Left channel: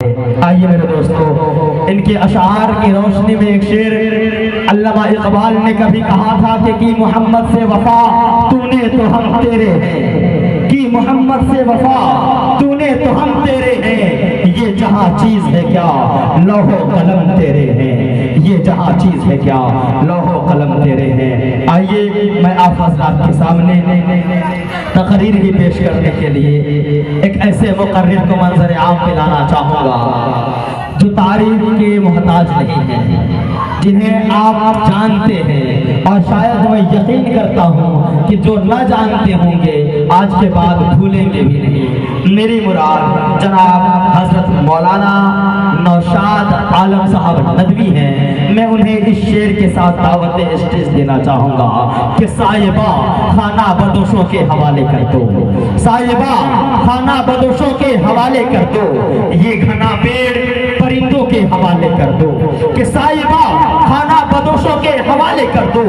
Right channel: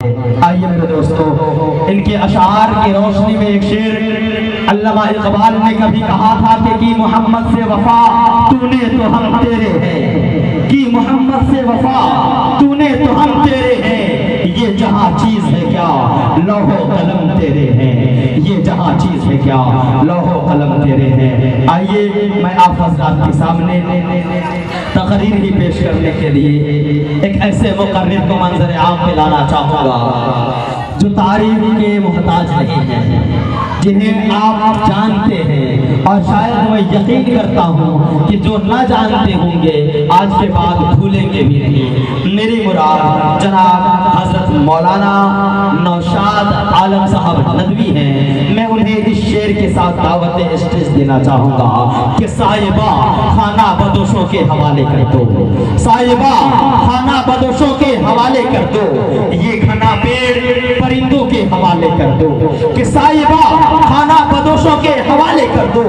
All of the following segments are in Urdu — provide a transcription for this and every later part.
آئیے میرے دوستو، ان کے اشعار کی روشنی میں ایک شعر علامہ اقبال نے کبھی کہا تھا کہ کی محمد سے وفا تو نے تو ہم تیرے ہیں، کی محمد سے وفا تو نے تو ہم تیرے ہیں، یہ جہاں چیز ہے کیا لوح و قلم تیرے ہیں، یہ جہاں چیز ہے کیا لوح و قلم تیرے ہیں۔ آئیے میں آپ حضرات کے سامنے تقریر ہی پیش کرنے کے لیے ایک ایسے مقرر کو منظر عام پہ لانا چاہوں گا جو تعریف کے محتاج نہیں ہیں، جنہیں آپ جانتے ہیں اور شاید میں یقین کرتا ہوں کہ جو نہ جانتے ہوں گے آج کے بعد بھولیں گے بھی نہیں۔ میری مراد جناب حضرت مولانا نوشاد عالم صاحب ندوی ہیں۔ میں انہیں اس شعر کے ساتھ دعوت اسٹیج دینا چاہوں گا کہ صاحبہ خانہ بدوشوں کے حوالے کر دو، صاحبہ خانہ بدوشوں کے حوالے کر دو، یہ گھنا پیڑ پرندوں کے حوالے کر دو، کہ صاحبہ خانہ بدوشوں کے حوالے کر دو،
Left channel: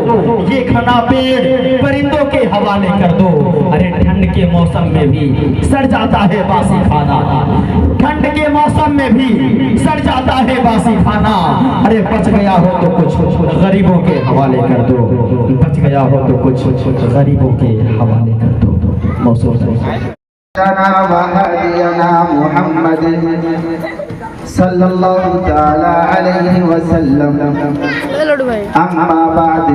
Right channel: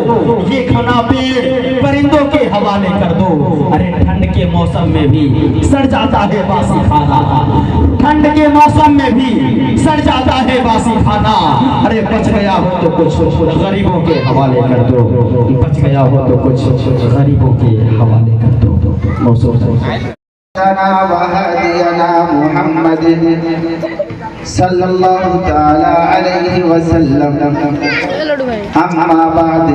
یہ گھنا پیڑ پرندوں کے حوالے کر دو۔ ارے ٹھنڈ کے موسم میں بھی سڑ جاتا ہے باسی کھانا، ٹھنڈ کے موسم میں بھی سڑ جاتا ہے باسی کھانا، ارے بچ گیا ہو تو کچھ غریبوں کے حوالے کر دو، بچ گیا ہو تو کچھ غریبوں کے حوالے کر دو۔ موسم محمد صلی اللہ تعالی علیہ وسلم، اما بعد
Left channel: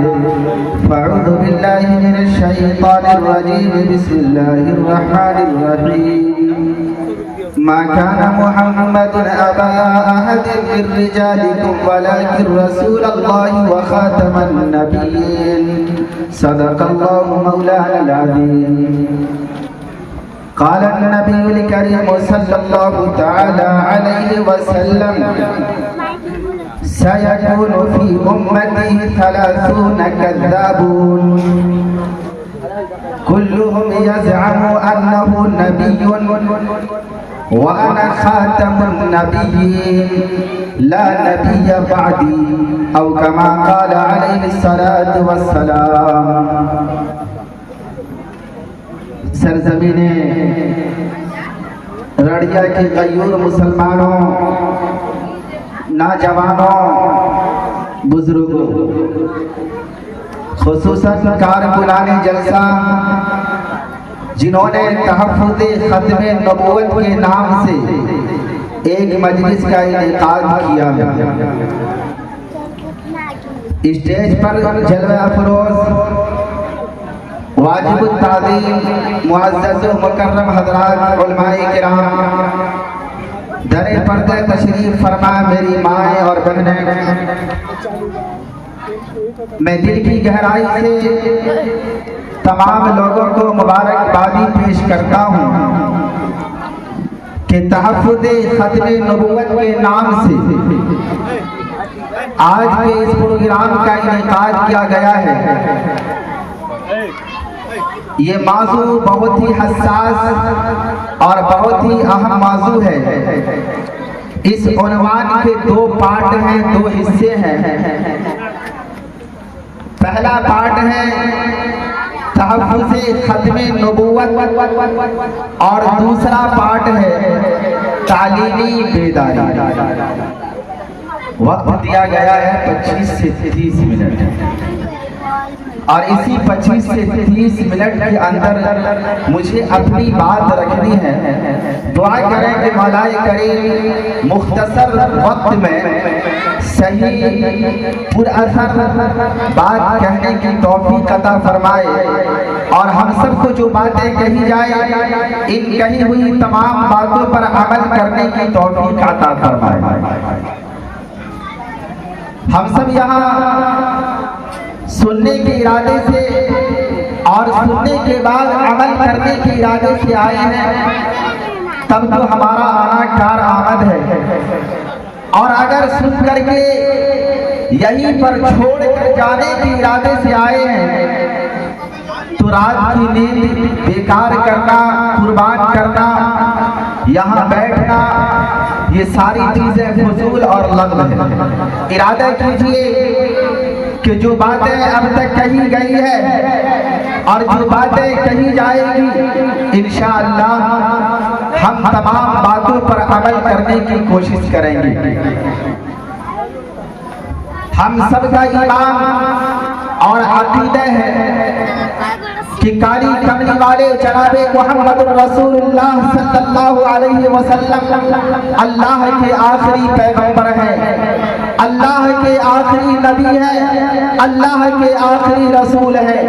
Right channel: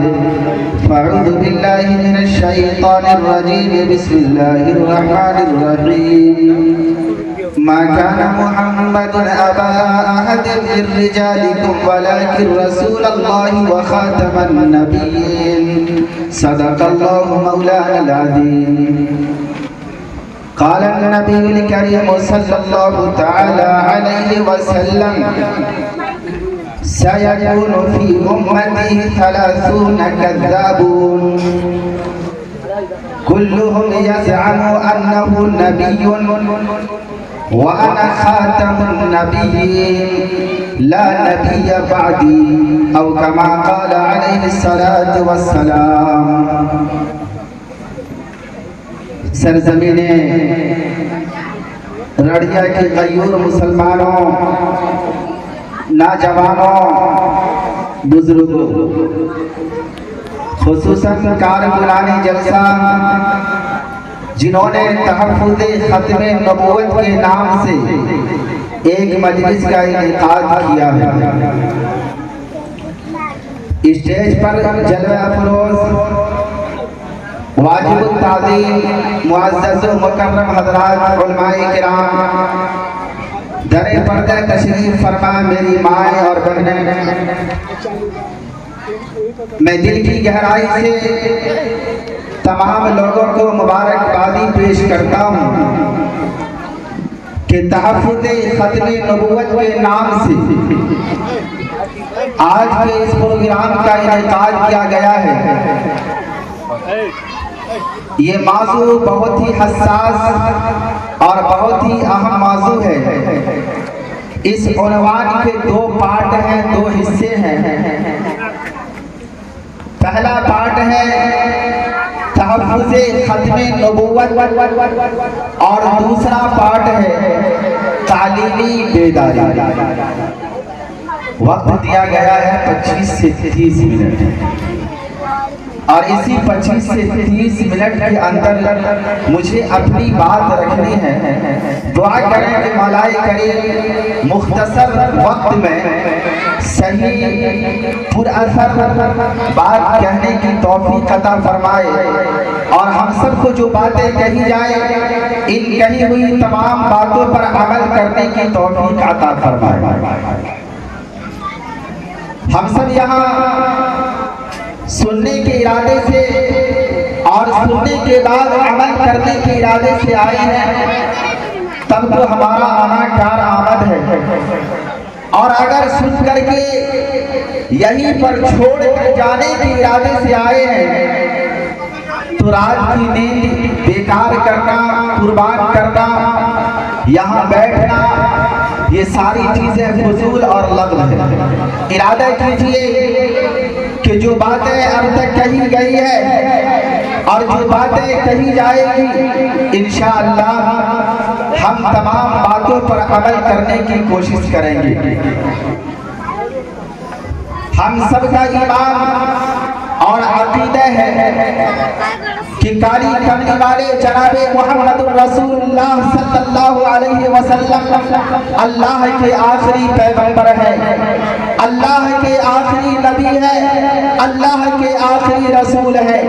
فاعوذ باللہ من الشیطان الرجیم، بسم اللہ الرحمن الرحیم۔ ما كان محمد أبا أحد من رجالكم ولكن رسول الله وخاتم النبيين، صدق الله مولانا العظيم۔ قال النبي الكريم صلى الله تعالى عليه وسلم، سيكون في أمتي 30 كذابون كلهم يزعم أنه نبي وأنا خاتم النبيين لا نبي بعدي، أو كما قال عليه الصلاة والسلام۔ سرزمین رڑیا کے غیور مسلمانوں، نوجوانوں، بزرگوں، خصوصاً کارکنان جلسہ جنہوں نے تحفظ ختم نبوت کے نام سے ایک مجلس کا انعقاد کیا ہے۔ اسٹیج پر جلوہ افروز واجب التعظیم معزز و مکرم حضرات علماء کرام، در پردہ تشریف فرما میری مائیں اور بہنیں، میں دل کی گہرائی سے تمام لوگوں کو مبارکبادی پیش کرتا ہوں کہ تحفظ ختم نبوت کے نام سے آج کے اس پروگرام کا انعقاد کیا گیا ہے۔ یہ موضوع بہت ہی حساس اور بہت ہی اہم موضوع ہے۔ اس عنوان کے 2 پارٹ ہیں، 2 حصے ہیں۔ پہلا پارٹ ہے تحفظ ختم نبوت اور دوسرا پارٹ ہے تعلیمی بیداری۔ وقت دیا گیا ہے 25 سے 30 منٹ، اور اسی 25 سے 30 منٹ کے اندر مجھے اپنی بات رکھنی ہے۔ دعا کریں کہ مولا کریم مختصر وقت میں صحیح پر اثر بات کہنے کی توفیق عطا فرمائے، اور ہم سب کو جو باتیں کہی جائے ان کہی ہوئی تمام باتوں پر عمل کرنے کی توفیق عطا فرمائے۔ ہم سب یہاں سننے کے ارادے سے اور سننے کے بعد عمل کرنے کے ارادے سے آئے ہیں، تب تو ہمارا آنا کار آمد ہے، اور اگر سن کر کے یہیں پر چھوڑ کر جانے کے ارادے سے آئے ہیں تو رات کی نیند بیکار کرنا، قربان کرنا، یہاں بیٹھنا، یہ ساری چیزیں فضول اور لغو ہے۔ ارادہ کیجئے کہ جو باتیں اب تک کہی گئی ہے اور جو باتیں کہی جائے گی انشاءاللہ ہم تمام باتوں پر عمل کرنے کرنے کی کوشش کریں گے۔ ہم سب کا ایمان اور عقیدہ ہے کہ کالی کملی والے جناب محمد رسول اللہ صلی اللہ علیہ وسلم اللہ کے آخری پیغمبر ہے، اللہ کے آخری نبی ہے، اللہ کے آخری رسول ہے۔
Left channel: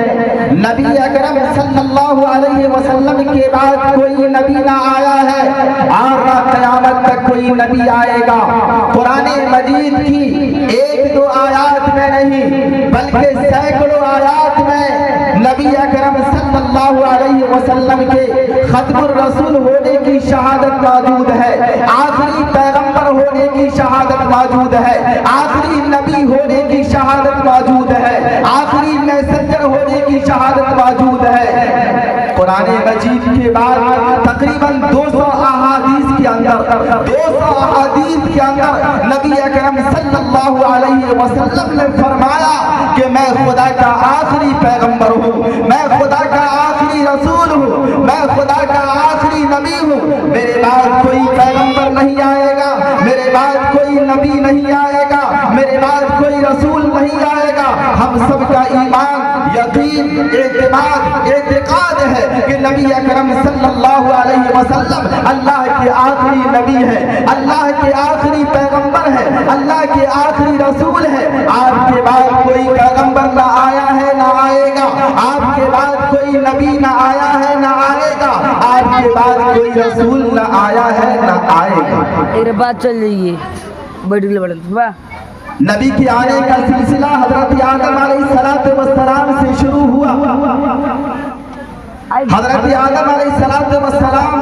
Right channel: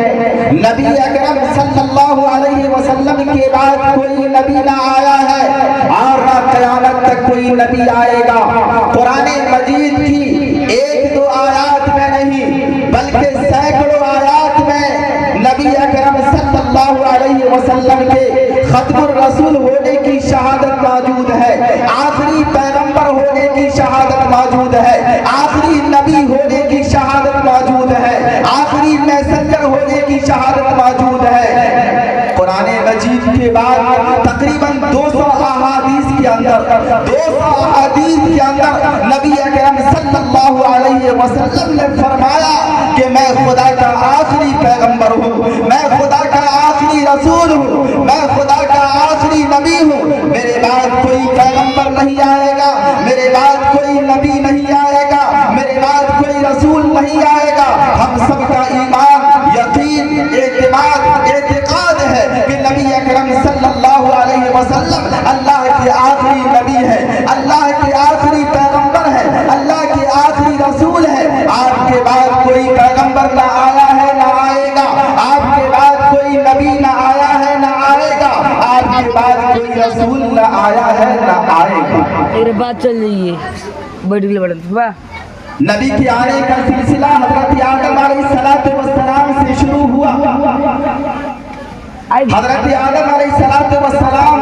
نبی اکرم صلی اللہ علیہ وسلم کے بعد کوئی نبی نہ آیا ہے اور نہ قیامت تک کوئی نبی آئے گا۔ قرآن مجید کی ایک دو آیات میں نہیں بلکہ سینکڑوں آیات میں نبی اکرم صلی اللہ علیہ وسلم کے ختم الرسول ہونے کی شہادت موجود ہے، آخری پیغمبر ہونے کی شہادت موجود ہے، آخری نبی ہونے کی شہادت موجود ہے، آخری میسنجر ہونے کی شہادت موجود ہے۔ قرآن مجید کے بعد تقریباً 200 احادیث کے اندر نبی اکرم صلی اللہ علیہ وسلم نے فرمایا کہ میں خدا کا آخری پیغمبر ہوں، میں خدا کا آخری رسول ہوں، میں خدا کا آخری نبی ہوں، میرے بعد کوئی پیغمبر نہیں آئے گا، میرے بعد کوئی نبی نہیں آئے گا، میرے بعد کوئی رسول نہیں آئے گا۔ ہم سب کا ایمان، یقین، اعتقاد ہے کہ نبی اکرم صلی اللہ علیہ وسلم اللہ کے آخری نبی ہے، اللہ کے آخری پیغمبر ہے، اللہ کے آخری رسول ہے۔ آپ کے بعد کوئی پیغمبر نہ آیا ہے نہ آئے گا، آپ کے بعد کوئی نبی نہ آیا ہے نہ آئے گا، آپ کے بعد کوئی رسول نہ آیا ہے نہ آئے گا۔ میرے بات چل رہی ہے بڑی واہ۔ نبی کے آنے کا سلسلہ حضرت آدم علیہ السلام سے شروع ہوا۔ حضرت آدم علیہ السلام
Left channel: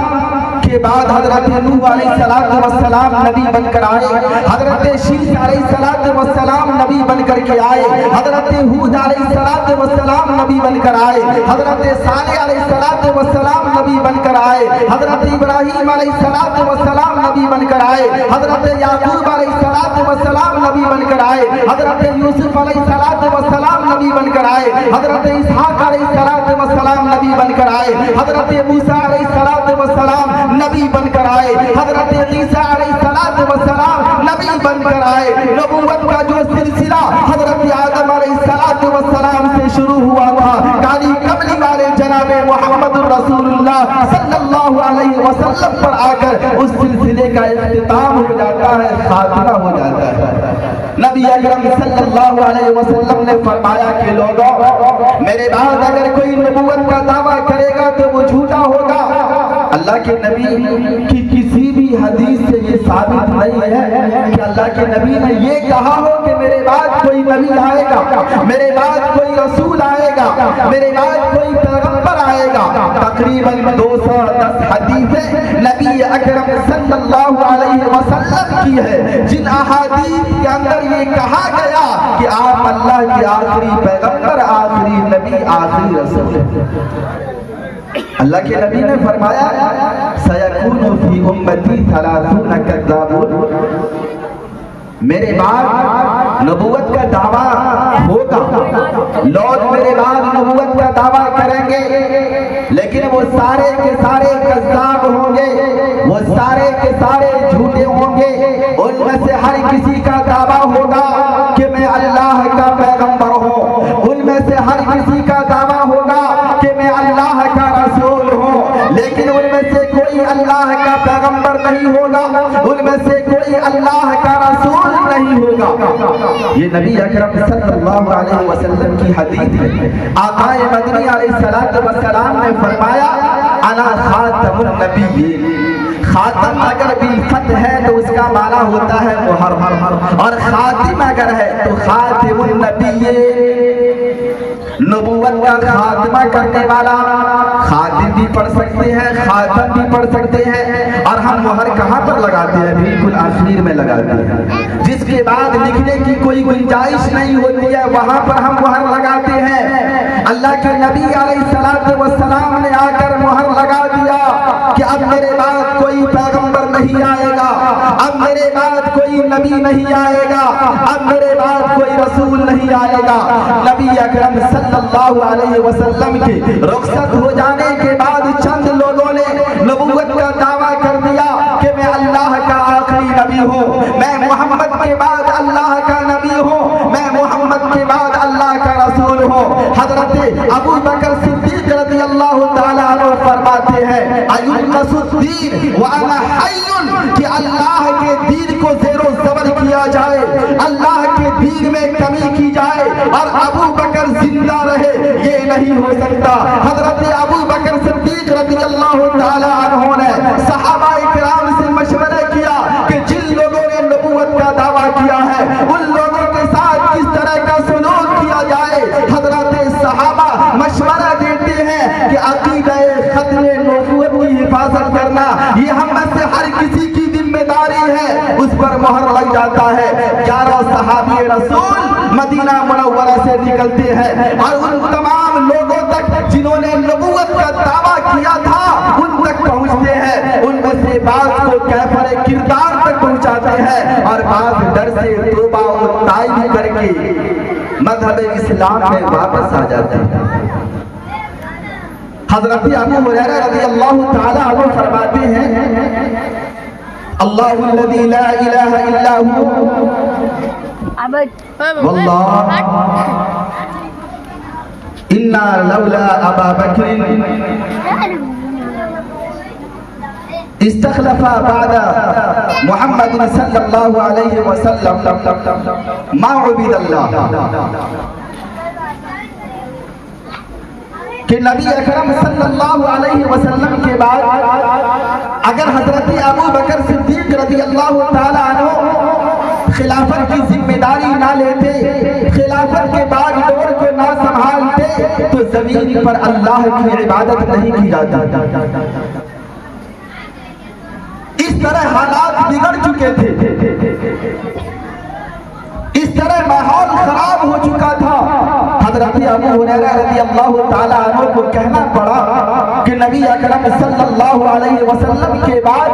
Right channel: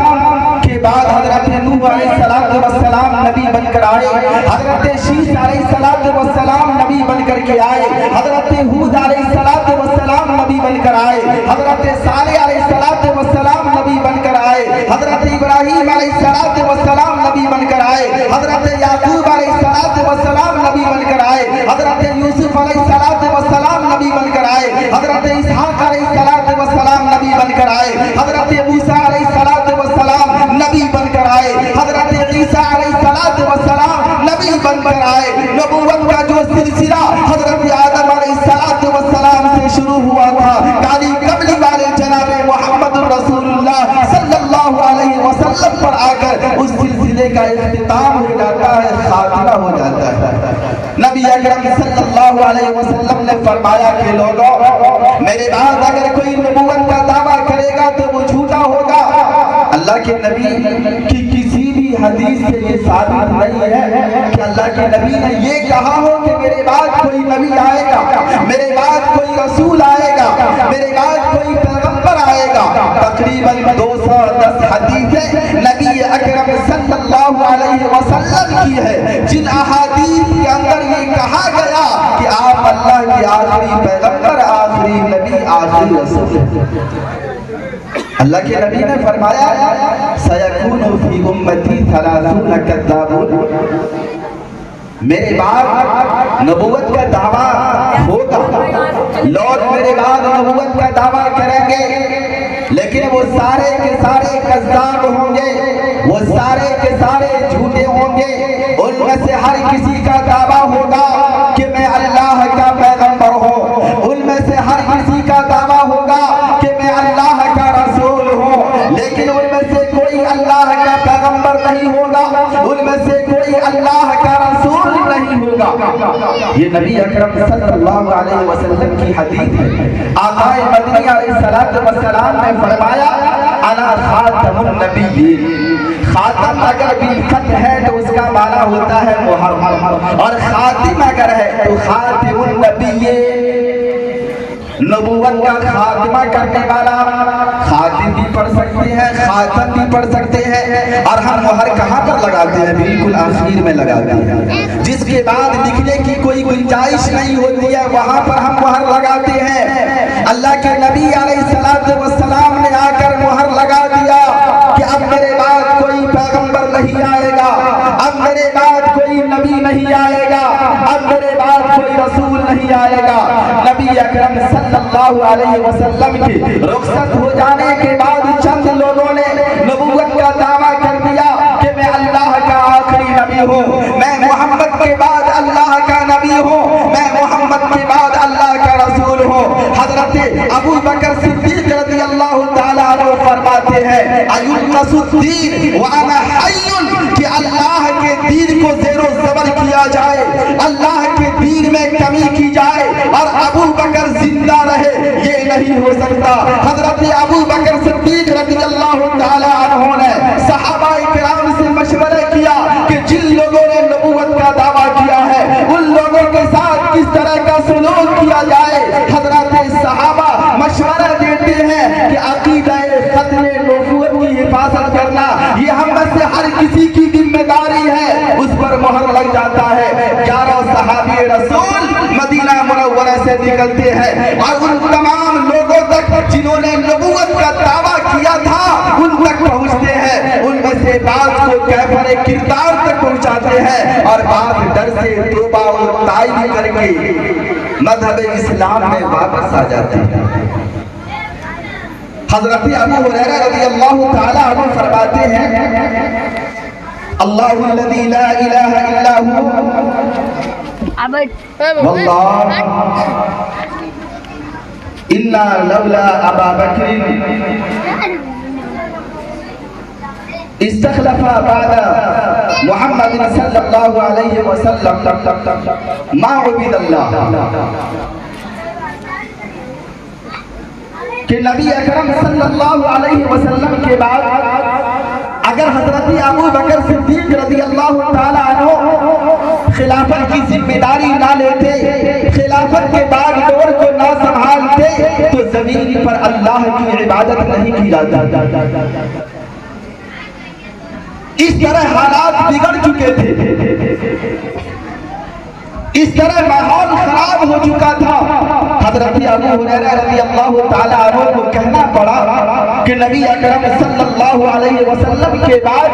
کے بعد حضرت نوح علیہ السلام نبی بن کر آئے، حضرت شیش علیہ السلام نبی بن کر کے آئے، حضرت ہود علیہ السلام نبی بن کر آئے، حضرت صالح علیہ السلام نبی بن کر آئے، حضرت ابراہیم علیہ السلام نبی بن کر آئے، حضرت یعقوب علیہ السلام نبی بن کر آئے، حضرت یوسف علیہ السلام نبی بن کر آئے، حضرت اسحاق علیہ السلام نبی بن کر آئے، حضرت موسیٰ علیہ السلام نبی بن کر آئے، حضرت عیسیٰ علیہ السلام نبی بن کر آئے۔ نبوت کا جو سلسلہ حضرت آدم علیہ السلام سے شروع ہوا تھا، کالی کملی والے جناب محمد رسول اللہ صلی اللہ علیہ وسلم پر آ کر اس سلسلے کا اختتام ہو جاتا ہے، خاتمہ ہو جاتا ہے۔ نبی اکرم صلی اللہ علیہ وسلم نے فرمایا کہ لوگوں، میرے بعد اگر کوئی نبوت کا دعویٰ کرے گا تو وہ جھوٹا ہوگا۔ اللہ کے نبی کی کسی بھی حدیث سے یہ ثابت نہیں ہے کہ اللہ کے نبی نے یہ کہا ہو کہ میرے بعد کوئی نبی آئے گا، میرے بعد کوئی رسول آئے گا، میرے بعد کوئی پیغمبر آئے گا۔ تقریباً 210 حدیثیں نبی اکرم صلی اللہ علیہ وسلم کی ہے، جن احادیث کے اندر یہ کہا گیا کہ آپ اللہ کے آخری پیغمبر، آخری نبی، آخری رسول ہیں۔ اللہ کے نبی نے فرمایا سَيَكُونُ فِي أُمَّتِي 30 كَذَّابُونَ، میرے بعد نبوت کا دعویٰ ہوگا، لوگ میرے بعد نبوت کا دعویٰ کریں گے، لیکن وہ سارے کے سارے کذاب ہوں گے، وہ سارے کے سارے جھوٹے ہوں گے۔ ان میں سے ہر کسی کا دعویٰ ہوگا کہ میں اللہ کا پیغمبر ہوں، ان میں سے ہر کسی کا دعویٰ ہوگا کہ میں اللہ کا رسول ہوں، لیکن ان میں سے کوئی اللہ کا پیغمبر نہیں ہوگا، ان میں سے کوئی اللہ کا رسول نہیں ہوگا۔ یہ نبی اکرم صلی اللہ علیہ وسلم کی حدیث ہے۔ آقا مدنی علیہ السلام نے فرمایا انا خاتم النبیین۔ خاتم اگر بالفتح ہے تو اس کا معنی ہوتا ہے محرم، اور خاتم اگر ہے تو خاتم النبیین، نبوت کا خاتمہ کرنے والا۔ خاتم بھی پڑھ سکتے ہیں، خاتم بھی پڑھ سکتے ہیں، اور ہم مہر کہاں پر لگاتے ہیں؟ بالکل آخر میں لگاتے ہیں، جس کے بعد لکھنے کی کوئی گنجائش نہیں ہوتی ہے، وہاں پر ہم مہر لگاتے ہیں۔ اللہ کے نبی علیہ السلام نے آ کر مہر لگا دیا کہ اب میرے بعد کوئی پیغمبر نہیں آئے گا، اب میرے بعد کوئی نبی نہیں آئے گا، اب میرے بعد کوئی رسول نہیں آئے گا۔ نبی اکرم صلی اللہ علیہ وسلم کی رخصت ہو جانے کے بعد چند لوگوں نے نبوت کا دعویٰ کر دیا کہ میں اللہ کا حضرت ابو بکر صدیق رضی اللہ تعالیٰ عنہ فرماتے ہیں ایلقص الدین وانا حی، کہ اللہ کے دین کو زیر و زبر کیا جائے، اللہ کے دین میں کمی کی جائے اور ابو بکر زندہ رہے، یہ نہیں ہو سکتا۔ حضرت ابو بکر صدیق رضی اللہ تعالیٰ عنہ نے صحابہ کرام سے مشورہ کیا کہ جن لوگوں نے نبوت کا دعویٰ کیا ہے ان لوگوں کے ساتھ کس طرح کا سلوک کیا جائے۔ حضرت صحابہ مشورہ دیتے ہیں کہ عقیدہ ختم نبوت کی حفاظت کرنا یہ ہم میں سے ہر کسی کی ذمہ داری ہے، اس پر مہر لگ جاتا ہے۔ 11 صحابی رسول مدینہ منورہ سے نکلتے ہیں اور ان تمام لوگوں تک جنہوں نے نبوت کا دعویٰ کیا تھا ان تک پہنچتے ہیں، ان میں سے بعض کو کیفر کردار تک پہنچاتے ہیں اور بعض ڈر سے توبہ اور تائب کر کے مذہب اسلام میں واپس آ جاتے ہیں۔ حضرت ابو ہریرہ رضی اللہ تعالی عنہ فرماتے ہیں اللہ الذی لا الہ الا هو واللہ انا لولا ابا بکر استخلف بعد محمد صلی اللہ علیہ وسلم ما عبد اللہ، کہ نبی اکرم صلی اللہ علیہ وسلم کے بعد اگر حضرت ابو بکر صدیق رضی اللہ تعالی عنہ خلافت کی ذمہ داری نہ لیتے، خلافت کے بعد دور کو نہ سنبھالتے تو زمین پر اللہ کی عبادت نہیں کی جاتی۔ اس طرح حالات بگڑ چکے تھے، اس طرح ماحول خراب ہو چکا تھا۔ حضرت ابو ہریرہ رضی اللہ تعالیٰ عنہ کو کہنا پڑا کہ نبی اکرم صلی اللہ علیہ وسلم کے بعد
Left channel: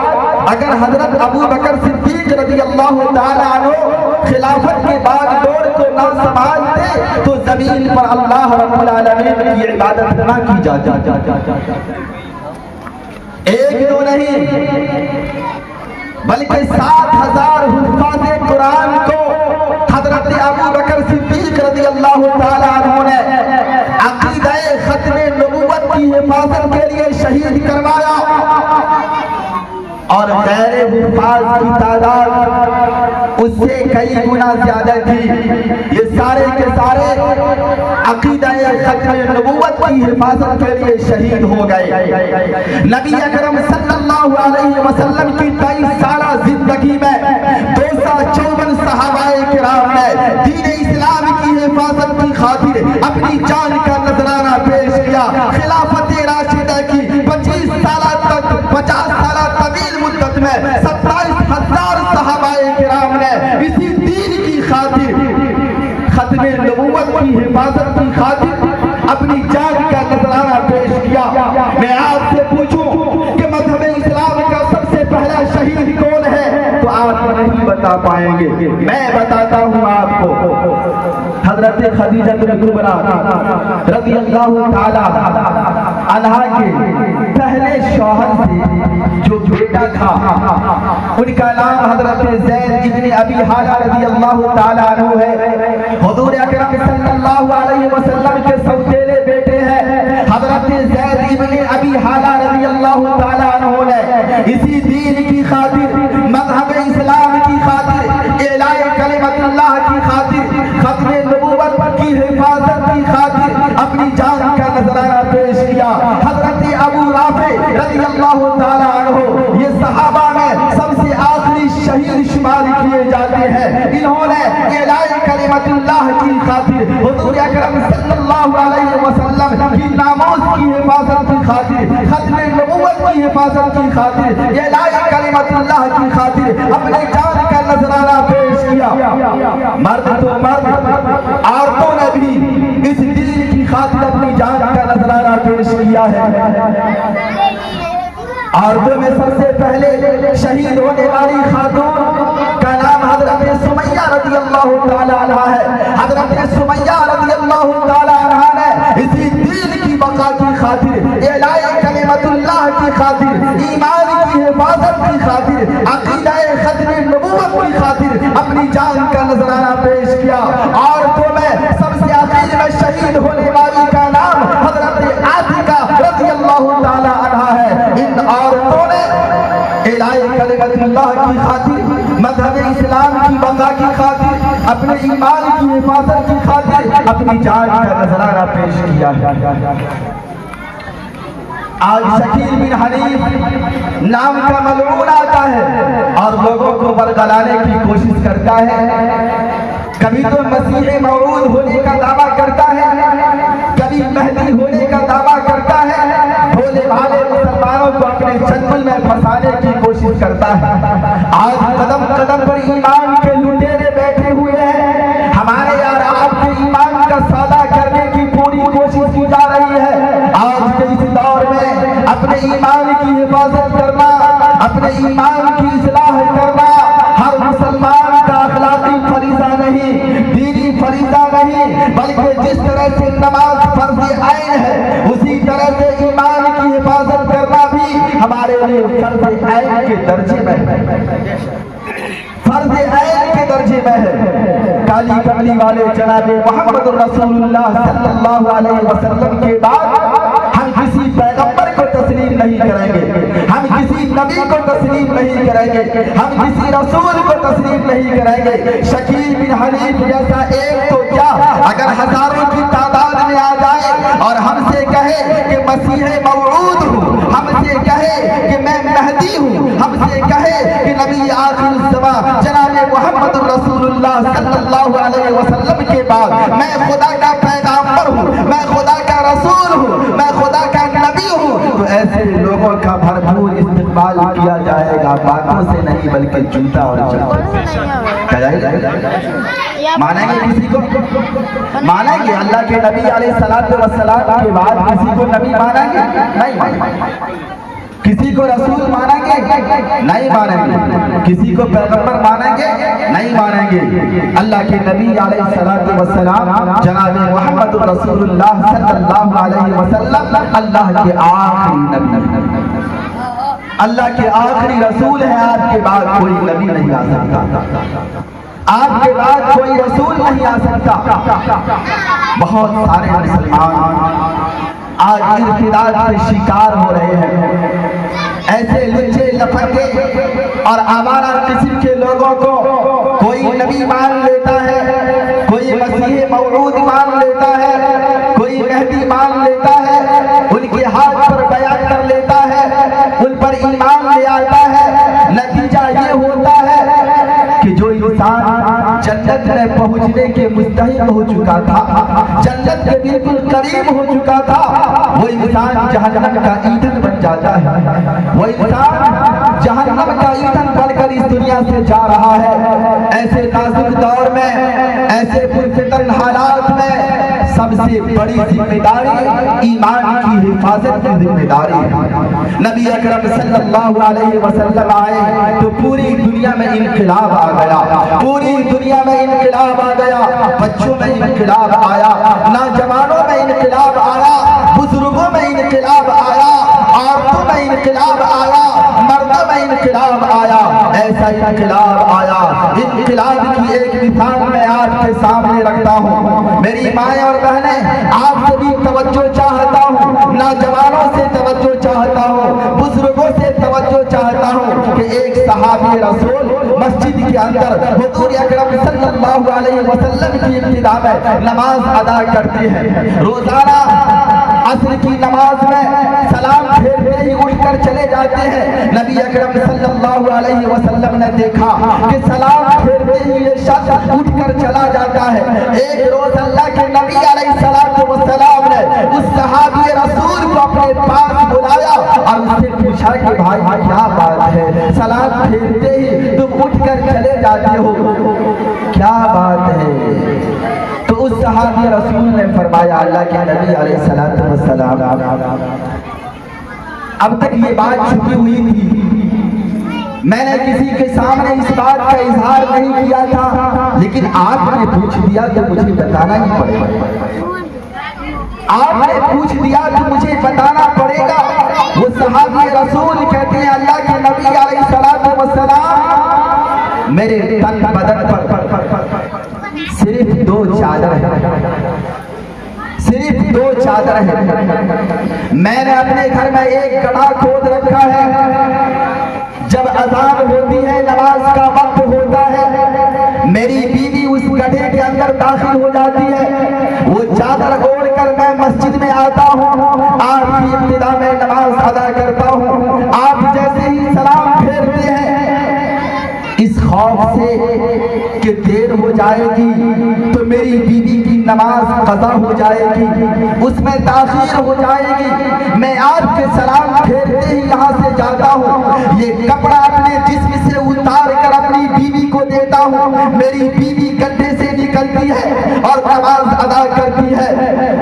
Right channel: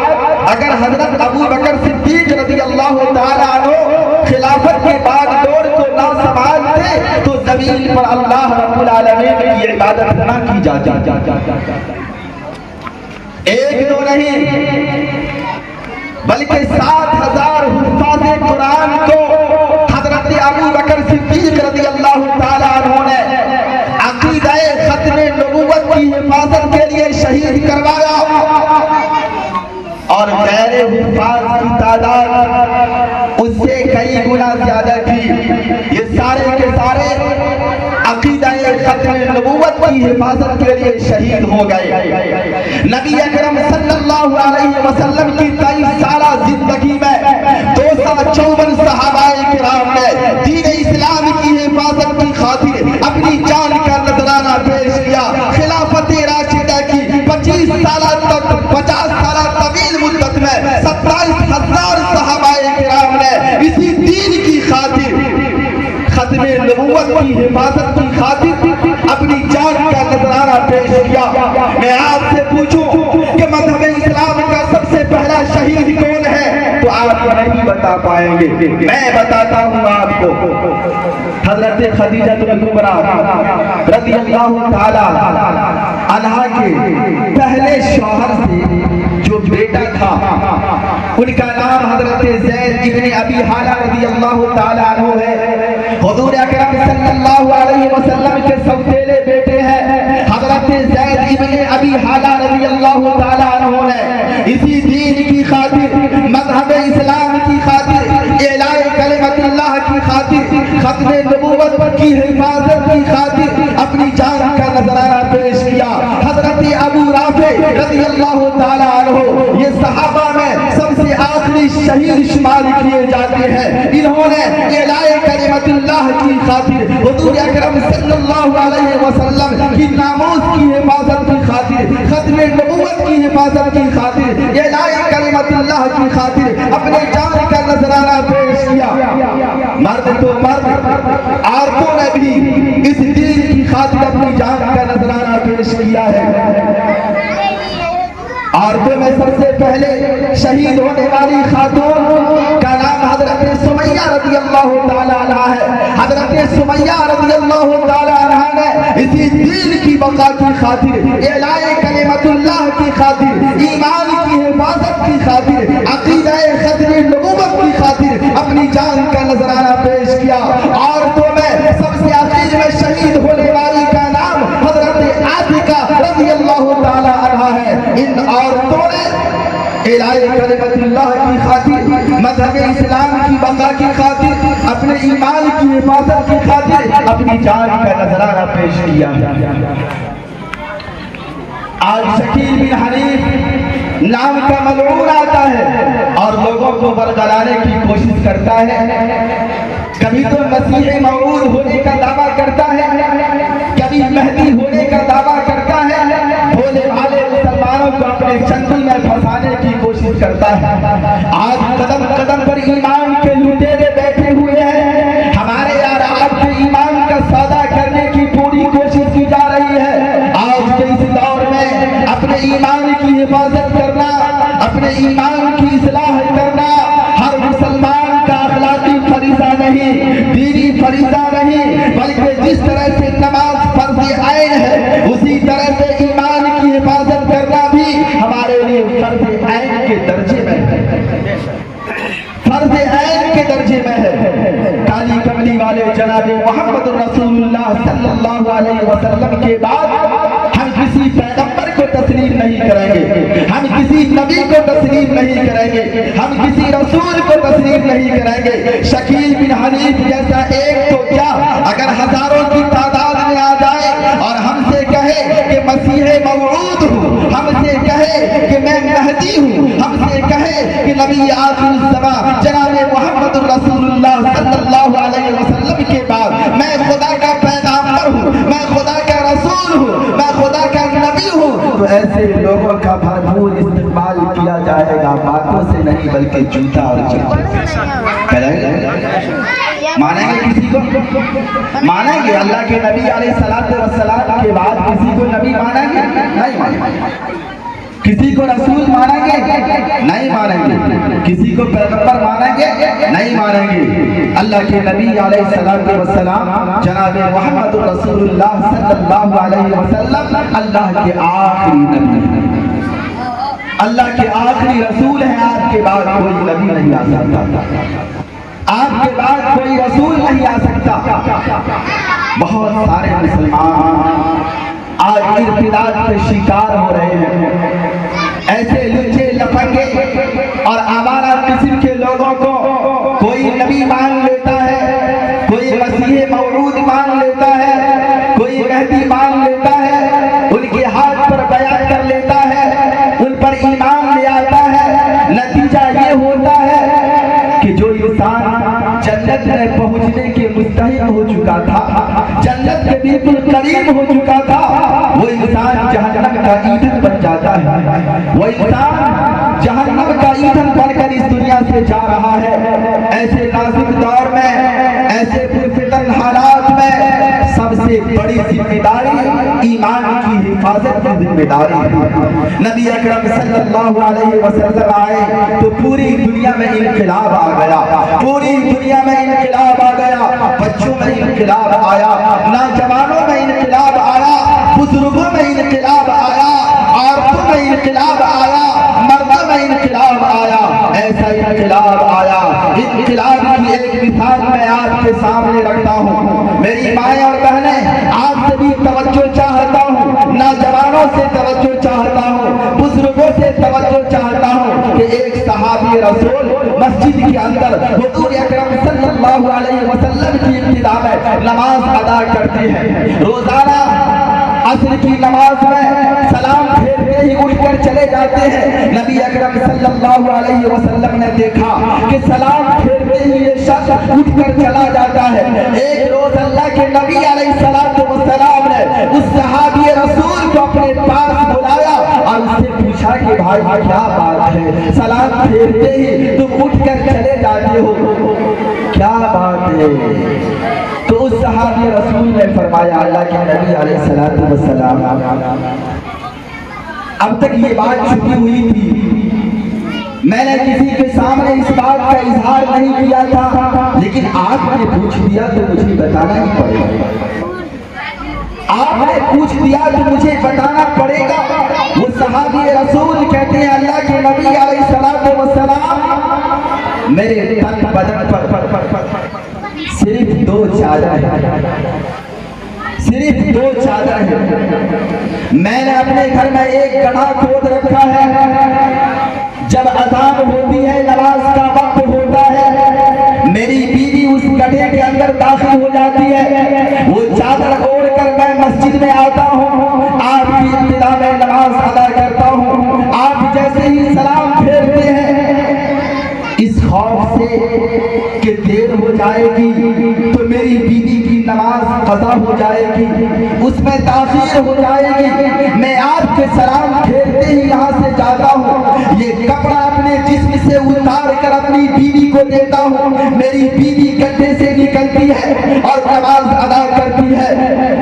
اگر حضرت ابو بکر صدیق رضی اللہ تعالیٰ عنہ خلافت کے بعد دور کو نہ سنبھالتے تو زمین پر اللہ رب العالمین کی عبادت نہ کی جاتی۔ ایک دو نہیں بلکہ 7000 حفاظ قرآن کو حضرت ابو بکر صدیق رضی اللہ تعالیٰ عنہ نے عقیدہ ختم نبوت کی حفاظت کے لیے شہید کروایا، اور غیر حفاظ کی تعداد اس سے کئی گنا زیادہ تھی۔ یہ سارے کے سارے عقیدہ ختم نبوت کی حفاظت کے لیے شہید ہو گئے۔ نبی اکرم صلی اللہ علیہ وسلم کی 23 سالہ زندگی میں 254 صحابہ کرام نے دین اسلام کی حفاظت کی خاطر اپنی جان کا نذرانہ پیش کیا۔ خلافت راشدہ کی 25 سالہ تک 50 سالہ طویل مدت میں 27,000 صحابہ کرام نے اسی دین کی خاطر ختم نبوت کی حفاظت کی خاطر اپنی جان کا نذرانہ پیش کیا۔ میں آپ سے پوچھوں کہ مذہب اسلام کا سب سے پہلا شہید کون ہے تو آپ نہیں بتا پائیں گے، میں بتاتا ہوں آپ کو۔ حضرت خدیجہ الکبریٰ رضی اللہ تعالی عنہا کے پہلے شوہر سے جو بیٹا تھا ان کا نام حضرت زید ابن ابی حالہ رضی اللہ تعالی عنہ ہے۔ حضور اکرم صلی اللہ علیہ وسلم کے سوتیلے بیٹے ہیں حضرت زید ابن ابی حالہ رضی اللہ تعالی عنہ نے اسی دین کی خاطر، مذہب اسلام کی خاطر، اعلاء کلمت اللہ کی خاطر، ختم نبوت کی حفاظت کی خاطر اپنی جان کا نذرانہ پیش کیا۔ حضرت ابو رافع رضی اللہ تعالی عنہ یہ صحابہ میں سب سے آخری شہید شمار کیے جاتے ہیں۔ انہوں نے اعلاء کلمت اللہ کی خاطر، حضور اکرم صلی اللہ علیہ وسلم کی ناموس کی حفاظت کی خاطر، ختم نبوت کی حفاظت کی خاطر، اعلاء کلمت اللہ کی خاطر اپنے جان کا نذرانہ پیش کیا۔ مرد تو مرد، عورتوں نے بھی اس دین کی خاطر اپنی جان کا نذرانہ پیش کیا ہے۔ عورتوں میں سب سے پہلے شہید ہونے والی خاتون کا نام حضرت سمیہ رضی اللہ تعالی عنہا ہے۔ حضرت سمیہ رضی اللہ تعالی عنہا نے اسی دین کی بقا کی خاطر، اعلاء کلمت اللہ کی خاطر، ایمان کی حفاظت کی خاطر، عقیدہ ختم نبوت کی خاطر اپنی جان کا نذرانہ پیش کیا۔ عورتوں میں سب سے آخر میں شہید ہونے والی کا کلمت اللہ کی خاطر، مذہب اسلام کی بقا کی خاطر، اپنے ایمان کی حفاظت کی خاطر اپنی جان کا نذرانہ پیش کیا ہے۔ آج شکیل بن حنیف نام کا ملعون آتا ہے اور لوگوں کو برگلانے کی کوشش کرتا ہے، کبھی تو مسیح موعود ہونے کا دعویٰ کرتا ہے، کبھی مہدی ہونے کا دعویٰ کرتا ہے، بھولے بھالے مسلمانوں کو اپنے چنگل میں پھنسانے کی کوشش کرتا ہے۔ آج قدم قدم پر ایمان کے لٹیرے بیٹھے ہوئے ہیں، ہمارے یار آپ کے ایمان کا سودا کرنے کی پوری کوشش کی جا رہی ہے۔ آج کے اس دور میں اپنے ایمان کی حفاظت کرنا، اپنے ایمان کی اصلاح کرنا ہر مسلمان کا اخلاقی فریضہ نہیں، دینی فریضہ نہیں، بلکہ جس طرح سے نماز فرض عین ہے اسی طرح سے ایمان کی حفاظت کرنا بھی ہمارے لیے فرض عین کے درجے میں ہے، فرض عین کے درجے میں ہے۔ کالی کملی والے جناب محمد رسول اللہ صلی اللہ علیہ وسلم کے بعد ہم کسی پیغمبر کو تسلیم نہیں کریں گے، ہم کسی نبی کو تسلیم نہیں کریں گے، ہم کسی رسول کو تسلیم نہیں کریں گے۔ شکیل بن حنیف جیسا ایک تو کیا اگر ہزاروں کی تعداد میں آ جائے اور ہم سے کہے کہ مسیح موعود ہوں، ہم سے کہے کہ میں مہدی ہوں، ہم سے کہے کہ نبی آخر الزمان جناب محمد رسول اللہ صلی اللہ علیہ وسلم کے بعد میں خدا کا پیغمبر ہوں، میں خدا کا رسول ہوں، میں خدا کا نبی ہوں، تو ایسے لوگوں کا بھرپور استقبال کیا جائے گا، باتوں سے نہیں بلکہ جوتا اور چپل سے۔ مانیں گے کسی کو؟ مانیں گے اللہ کے نبی علیہ السلام کے بعد کسی کو نبی مانیں گے؟ نہیں مانیں گے۔ کسی کو رسول مانیں گے؟ نہیں مانیں گے۔ کسی کو پیغمبر مانیں گے؟ نہیں مانیں گے۔ اللہ کے نبی علیہ السلام جناب محمد رسول اللہ صلی اللہ علیہ وسلم اللہ کے آخری نبی ہیں، اللہ کے آخری رسول ہیں۔ آپ کے بعد کوئی نبی نہیں آ سکتا، آپ کے بعد کوئی رسول نہیں آ سکتا۔ بہت سارے مسلمان آج ارتداد کے شکار ہو رہے ہیں، ایسے لچے لفنگے اور آوارہ قسم کے لوگوں کو کوئی نبی مان لیتا ہے، کوئی مسیح موعود مان لیتا ہے، کوئی مہدی مان لیتا ہے، ان کے ہاتھ پر بیعت کر لیتا ہے، ان پر ایمان لے آتا ہے۔ نتیجہ یہ ہوتا ہے کہ جو انسان جنت میں پہنچنے کے مستحق ہو چکا تھا، جنت کے بالکل قریب ہو چکا تھا، وہ انسان جہنم کا ایندھن بن جاتا ہے، وہ انسان جہنم کا ایندھن بن کر اس دنیا سے جا رہا ہے۔ ایسے نازک دور میں، ایسے پرفتن حالات میں سب سے بڑی ذمہ داری ایمان کی حفاظت کی ذمہ داری ہے۔ نبی اکرم صلی اللہ علیہ وسلم آئے تو پوری دنیا میں انقلاب آ گیا، پوری دنیا میں انقلاب آ گیا، بچوں میں انقلاب آیا، نوجوانوں میں انقلاب آیا، بزرگوں میں انقلاب آیا، عورتوں میں انقلاب آیا، مردوں میں انقلاب آیا۔ ایسا انقلاب آیا، انقلاب کی ایک مثال میں آپ کے سامنے رکھتا ہوں۔ میری مائیں اور بہنیں، آپ سے بھی توجہ چاہتا ہوں، نوجوانوں سے توجہ چاہتا ہوں، بزرگوں سے توجہ چاہتا ہوں کہ ایک صحابی رسول مسجد کے اندر حضور اکرم صلی اللہ علیہ وسلم کی ابتدا میں نماز ادا کرتے ہیں۔ روزانہ عصر کی نماز میں سلام پھیرتے ہی اٹھ کر چلے جاتے ہیں۔ نبی اکرم صلی اللہ علیہ وسلم نے دیکھا کہ سلام پھیرتے ہی یہ شخص اٹھ کر چلا جاتا ہے۔ ایک روز اللہ کے نبی علیہ السلام نے اس صحابی رسول کو اپنے پاس بلایا اور اس سے پوچھا کہ بھائی کیا بات ہے، سلام پھیرتے ہی تم اٹھ کر چلے جاتے ہو، کیا بات ہے؟ تو اس صحابی رسول نے فرمایا، اللہ کے نبی علیہ السلام اب تک یہ بات چھپی ہوئی تھی، میں نے کسی کے سامنے اس بات کا اظہار نہیں کیا تھا، لیکن آپ نے پوچھ دیا تو مجھے بتانا ہی پڑے گا، آپ نے پوچھ دیا تو مجھے بتانا پڑے گا۔ وہ صحابی رسول کہتے ہیں، اللہ کے نبی علیہ السلام میرے تن بدن پر صرف 2 چادر ہے، صرف 2 چادر ہے۔ میں نے اپنے گھر میں ایک گڑھا کھود رکھا ہے جب اذان ہوتی ہے نماز کا وقت ہوتا ہے میری بیوی اس گڈھے کے اندر داخل ہو جاتی ہے، وہ چادر اوڑھ کر میں مسجد میں آتا ہوں، آپ کی ابتدا میں نماز ادا کرتا ہوں، آپ جیسے ہی سلام پھیرتے ہیں اس خوف سے کہ دیر ہو جائے گی تو میری بیوی کی نماز قضا ہو جائے گی، اس میں تاخیر ہو جائے گی، میں آپ کے سلام پھیرتے ہی یہاں سے جاتا ہوں، یہ کپڑا اپنے جسم سے اتار کر اپنی بیوی کو دیتا ہوں، میری بیوی گڈھے سے نکلتی ہے اور نماز ادا کرتی ہے۔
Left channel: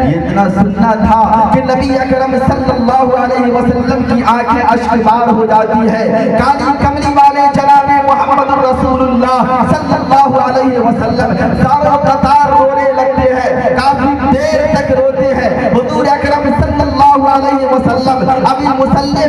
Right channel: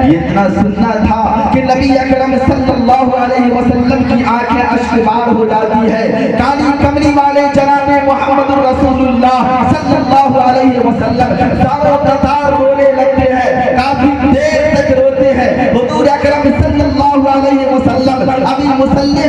یہ اتنا سننا تھا کہ نبی اکرم صلی اللہ علیہ وسلم کی آنکھیں اشک بار ہو جاتی ہے، کالی کملی والے جناب محمد رسول اللہ صلی اللہ علیہ وسلم ساروں قطار رونے لگتے ہیں، کافی دیر تک روتے ہیں۔ حضور اکرم صلی اللہ علیہ وسلم ابھی مصلی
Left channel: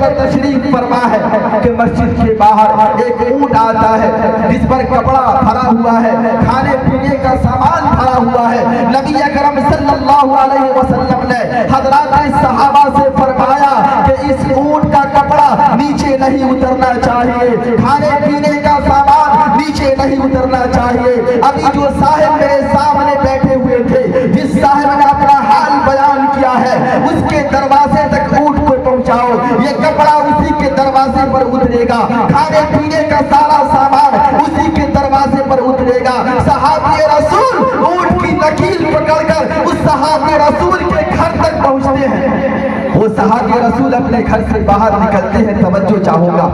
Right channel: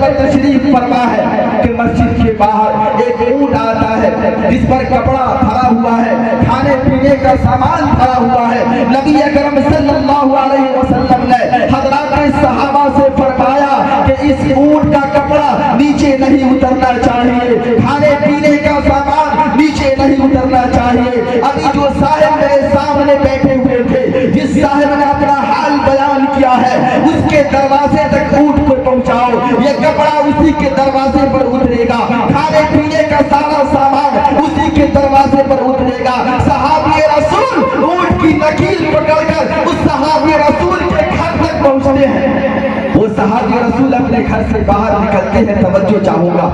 پر تشریف فرما ہے کہ مسجد کے باہر ایک اونٹ آتا ہے جس پر کپڑا بھرا ہوا ہے، کھانے پینے کا سامان بھرا ہوا ہے۔ نبی اکرم صلی اللہ علیہ وسلم نے حضرات صحابہ سے فرمایا کہ اس اونٹ کا کپڑا نیچے نہیں اترنا چاہیے، کھانے پینے کا سامان نیچے نہیں اترنا چاہیے۔ ابھی جو صاحب میرے سامنے بیٹھے ہوئے تھے، جس صاحب نے اپنا حال بیان کیا ہے، اس کے دروازے تک اونٹ کو پہنچاؤ، یہ کپڑا اسی کے دروازے پر اترے گا، کھانے پینے کا سارا سامان اسی کے دروازے پر اترے گا۔ صحابی رسول اونٹ کی لکیر پکڑ کر اس صحابی رسول کے گھر تک پہنچتے ہیں۔ وہ صحابی رسول اپنے گھر سے باہر نکلتے ہیں، توجہ چاہوں گا،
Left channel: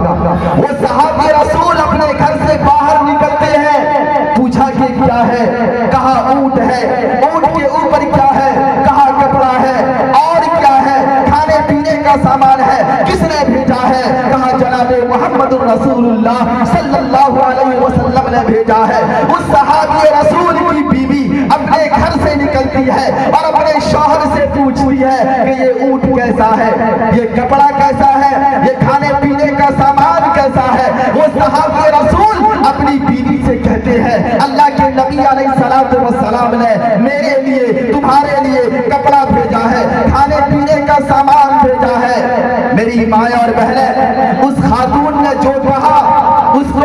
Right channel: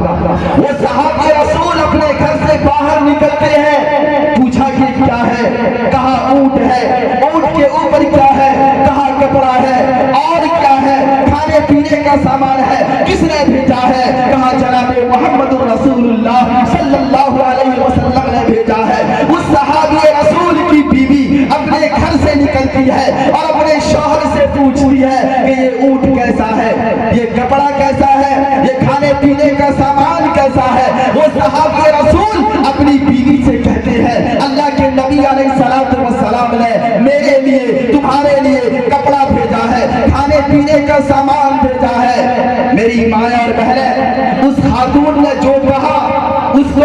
وہ صحابی رسول اپنے گھر سے باہر نکلتے ہیں، پوچھا کہ کیا ہے، کہا اونٹ ہے، اونٹ کے اوپر کیا ہے، کہا کپڑا ہے، اور کیا ہے، کھانے پینے کا سامان ہے، کس نے بھیجا ہے، کہا جناب محمد رسول اللہ صلی اللہ علیہ وسلم نے بھیجا ہے۔ اس صحابی رسول کی بیوی اپنے گھر سے نکلتی ہے اور اپنے شوہر سے پوچھتی ہے کہ یہ اونٹ کیسا ہے، یہ کپڑا کیسا ہے، یہ کھانے پینے کا سامان کیسا ہے۔ وہ صحابی رسول اپنی بیوی سے کہتے ہیں اللہ کے نبی علیہ السلام نے میرے لیے تمہارے لیے کپڑا بھیجا ہے، کھانے پینے کا سامان بھیجا ہے۔ میری ماں اور بہنیں، اس خاتون نے جو کہا اس کو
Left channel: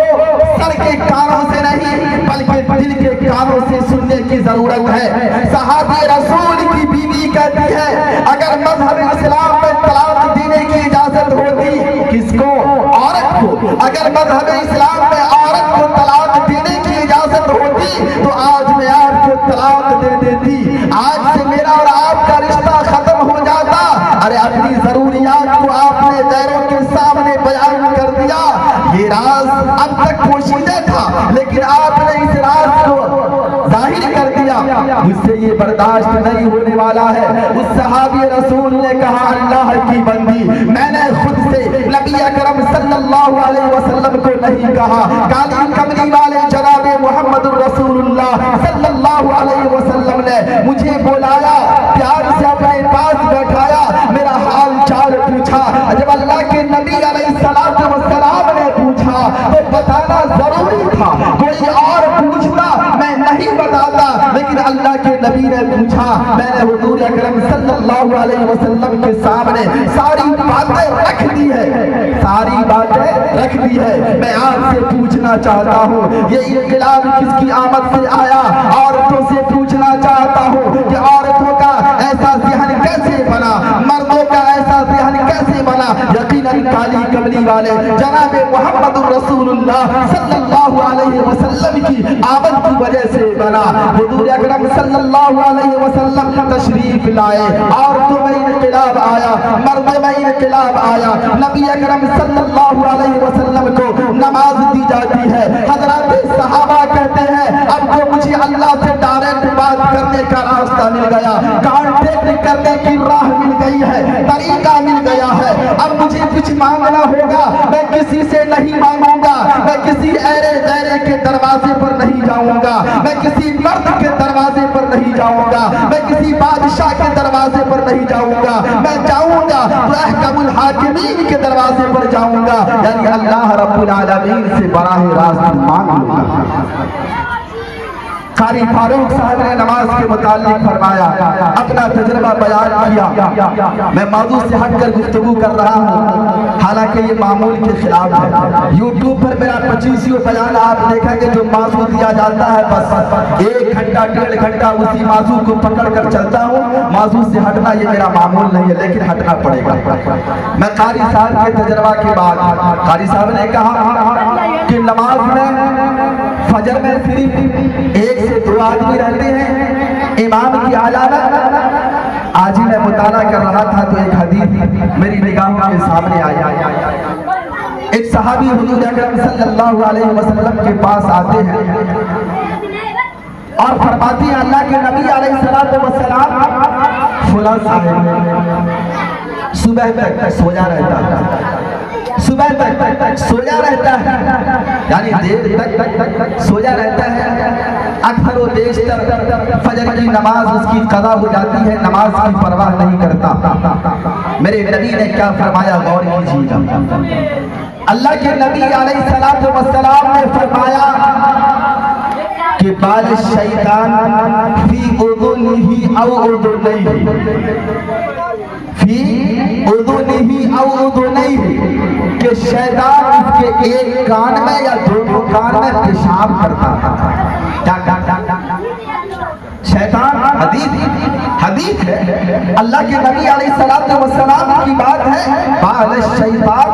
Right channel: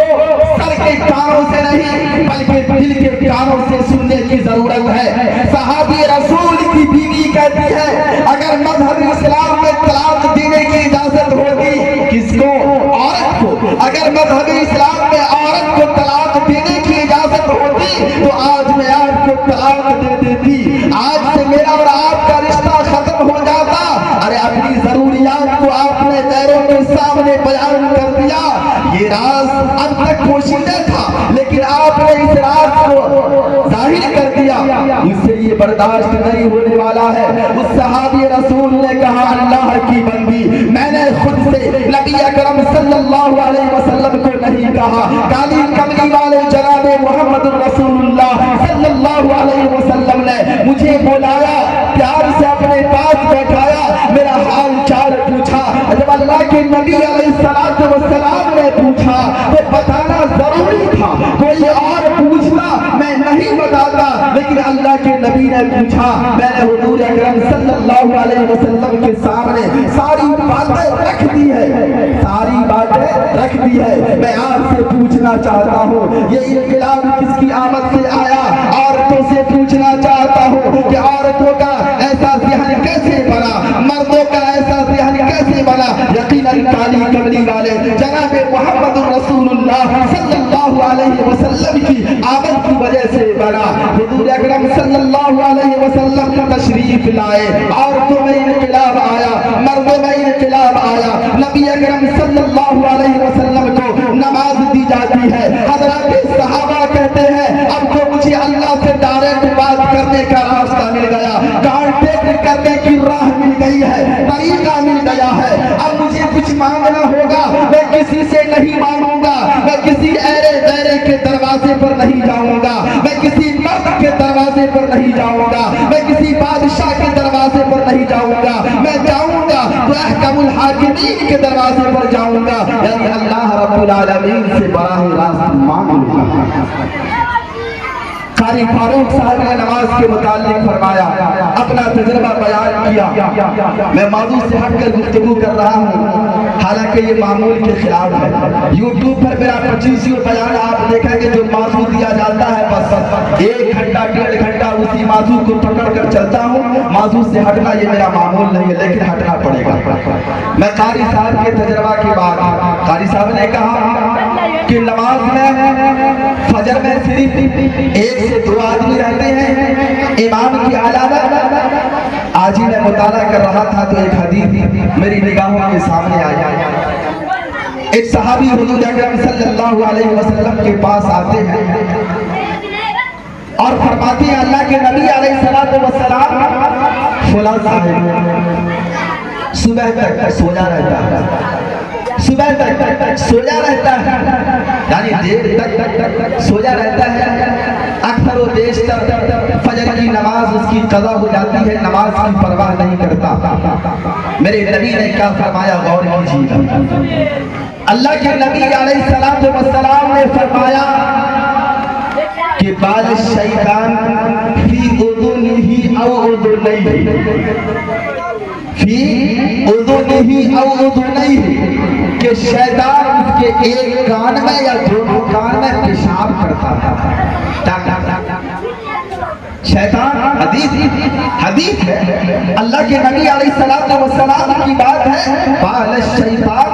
سر کے کانوں سے نہیں بلکہ دل کے کانوں سے سننے کی ضرورت ہے۔ صحابی رسول کی بیوی کہتی ہے اگر مذہب اسلام میں طلاق دینے کی اجازت ہوگی، کس کو؟ عورت کو۔ اگر مذہب اسلام میں عورت کو طلاق دینے کی اجازت ہوتی تو آج میں آپ کو طلاق دے دیتی، آج سے میرا اور آپ کا رشتہ ختم ہو جاتا۔ ارے اپنی ضروریات کو آپ نے غیروں کے سامنے بیان کر دیا، یہ راز اب تک پوشیدہ تھا لیکن آپ نے اس راز کو ظاہر کر دیا، مجھ سے یہ برداشت نہیں ہونے والا ہے۔ اس صحابی رسول نے کہا اللہ کی بندی، میں نے خود سے نبی اکرم صلی اللہ علیہ وسلم کو نہیں کہا، کالی کملی والے جناب محمد رسول اللہ صلی اللہ علیہ وسلم نے مجھے بلایا، پیار سے اپنے پاس بیٹھایا، میرا حال چال پوچھا۔ جب اللہ کے نبی علیہ السلام نے پوچھا تو بتانا ضروری تھا، کوئی اور پوچھتا میں نہیں بتاتا، لیکن اللہ کے نبی نے پوچھا، میں نے حضور اکرم صلی اللہ علیہ وسلم کے سامنے ساری باتیں رکھ دی ہے، ساری باتیں رکھ دی ہے۔ میں آپ سے پوچھنا چاہتا ہوں یہ انقلاب کس کی آمد سے آیا؟ عورتوں سے پوچھنا چاہتا ہوں کہ عورتوں کا ایسا ذہن کیسے بنا، مردوں کا ایسا ذہن کیسے بنا؟ یقیناً کالی کملی والے جناب محمد رسول اللہ صلی اللہ علیہ وسلم کی آمد کی وجہ سے بنا۔ حضور اکرم صلی اللہ علیہ وسلم تشریف لائے، عورتوں میں انقلاب آیا، مردوں میں انقلاب آیا۔ نبی اکرم صلی اللہ علیہ وسلم کو نماز دی جاتی ہے، حضرات صحابہ کہتے ہیں اب تو مجھے اللہ سے ڈائریکٹ بات کرنے کا راستہ مل گیا، کانٹیکٹ کرنے کی راہ مل گئی ہے، طریقہ مل گیا ہے۔ اب مجھے کچھ مانگنا ہوگا، میں کسی سے نہیں مانگوں گا، میں کسی ایرے غیرے کے دروازے پر نہیں جاؤں گا، میں کسی مرد کے دروازے پر نہیں جاؤں گا، میں کسی بادشاہ کے دروازے پر نہیں جاؤں گا، میں جاؤں گا تو احکم الحاکمین کے دروازے پر جاؤں گا، یعنی اللہ رب العالمین سے براہ راست مانگ لوں گا۔ قاری فاروق صاحب نے نماز کے متعلق فرمایا، اب اپنا تجربہ بیان کیا. میں موضوع سے ہٹ کر گفتگو کر رہا ہوں، حالانکہ یہ معمول کے خلاف ہے. یوٹیوب پر میرا 25 بیان آپ دیکھیں گے، جو موضوع دیا جاتا ہے بس 1 گھنٹہ 1.5 گھنٹہ اسی موضوع کو پکڑ کر چلتا ہوں. موضوع سے ہٹنا یہ میرا معمول نہیں ہے، لیکن ہٹنا پڑے گا. میں قاری صاحب کے تجربہ کی بات، قاری صاحب نے کہا کہ نماز میں فجر میں صرف 1 سے 2 آدمی رہتے ہیں امام کی علامت. آج ہی میں مطالعہ کر رہا تھا تو ایک حدیث میری نگاہوں کے سامنے آئی. ایک صحابی حضور اکرم صلی اللہ علیہ وسلم کے پاس آتے ہیں اور فرماتے ہیں اللہ کے نبی علیہ السلام فلاں صاحب صبح تک سویا رہتا ہے، صبح تک سویا رہتا ہے، یعنی دیر تک سویا رہتا ہے. اکثر و بیشتر فجر کی نماز اس کی قضا ہو جاتی ہے، نماز کی پرواہ نہیں کرتا. میرے نبی نے کیا فرمایا، غور کیجیے. اللہ کے نبی علیہ السلام نے فرمایا کہ بال الشیطان فی اذنہ او اذنیہ، فی اذنہ او اذنیہ، کہ شیطان اس کے ایک کان میں یا 2 کان میں پیشاب کرتا ہے. شیطان حدیث ہے، اللہ کے نبی علیہ السلام کی بات ہے. بال الشیطان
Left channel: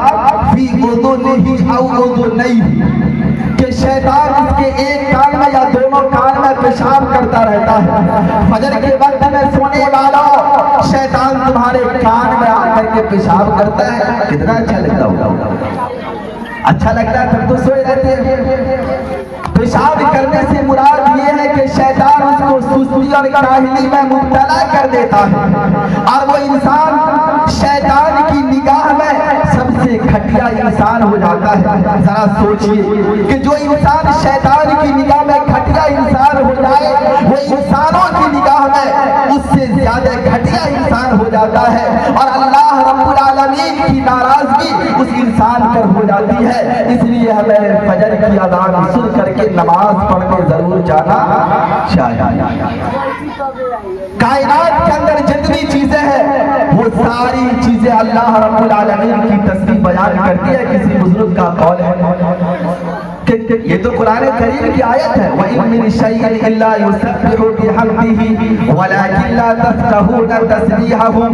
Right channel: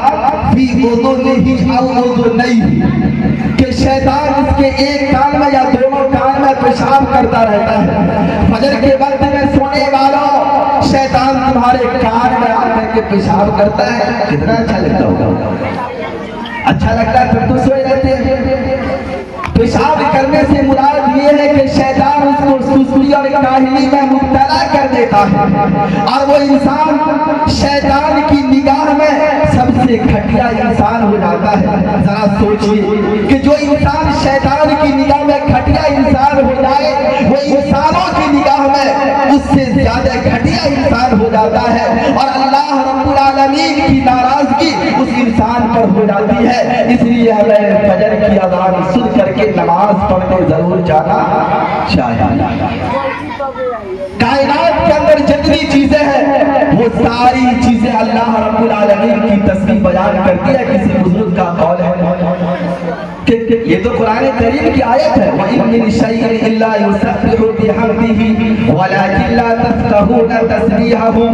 فی اذنہ او اذنیہ، کہ شیطان اس کے ایک کان میں یا 2 کان میں پیشاب کرتا رہتا ہے. فجر کے وقت میں سونے والا شیطان تمہارے کان میں آ کر کے پیشاب کرتا ہے، کتنا اچھا لگتا ہوگا. اچھا لگتا ہے تم تو سوئے رہتے ہیں. پیشاب کرنے سے مراد یہ ہے کہ شیطان اس کو سستی اور کاہلی میں مبتلا کر دیتا ہے، اور وہ انسان شیطان کی نگاہ میں سب سے گھٹیا انسان ہو جاتا ہے. ذرا سوچئے کہ جو انسان شیطان کی نگاہ میں گھٹیا انسان ہو جائے، وہ انسانوں کی نگاہ میں اس سے زیادہ گھٹیا انسان ہو جاتا ہے، اور اللہ رب العالمین کی ناراضگی اس انسان پر ہو جاتی ہے. اس لیے ہمیں فجر کی اذان سن کر کے نماز پڑھنے ضرور جانا چاہیے. کائنات کے اندر جتنی چیزیں ہیں وہ ساری چیزیں اللہ رب العالمین کی تسبیح بیان کرتی ہے. کسی بزرگ کا قول ہے کہ یہ تو قرآن کریم کی آیت ہے، وَإِن مِّن شَيْءٍ إِلَّا يُسَبِّحُ بِحَمْدِهِ وَلَٰكِن لَّا تَفْقَهُونَ تَسْبِيحَهُمْ،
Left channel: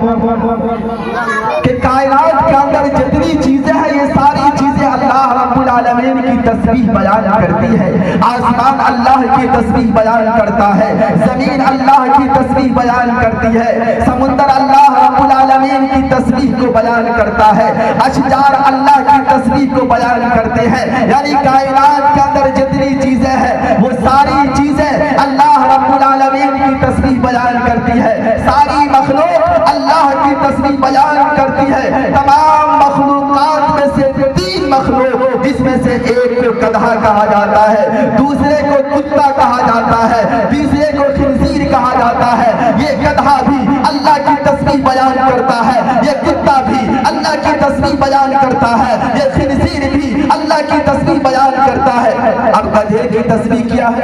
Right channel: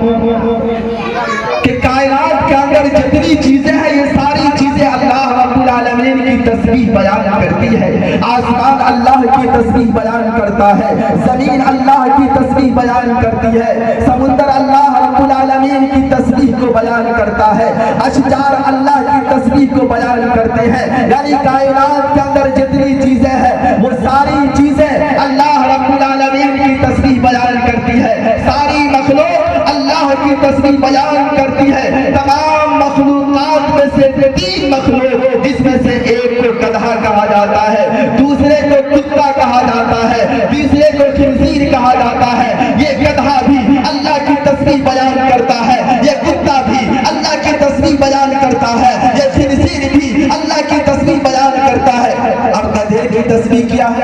کہ کائنات کے اندر جتنی چیزیں ہیں یہ ساری چیزیں اللہ رب العالمین کی تسبیح بیان کرتی ہے. آسمان اللہ کی تسبیح بیان کرتا ہے، زمین اللہ کی تسبیح بیان کرتی ہے، سمندر اللہ رب العالمین کی تسبیح کو بیان کرتا ہے، اشجار اللہ کی تسبیح کو بیان کرتے ہیں. یعنی کائنات کے اندر جتنی چیزیں ہیں وہ ساری چیزیں اللہ رب العالمین کی تسبیح بیان کرتی ہے. ساری مخلوق اللہ کی تسبیح بیان کرتی ہے. تمام مخلوقات میں سے 3 مخلوق، جس میں سے ایک کو گدھا کہا جاتا ہے، دوسرے کو کتا کہا جاتا ہے، تیسرے کو خنزیر کہا جاتا ہے. یہ گدھا بھی اللہ کی تسبیح بیان کرتا ہے، یہ کتا بھی اللہ کی تسبیح بیان کرتا ہے، یہ خنزیر بھی اللہ کی تسبیح بیان کرتا ہے. اب گدھے کی تسبیح کیا ہے؟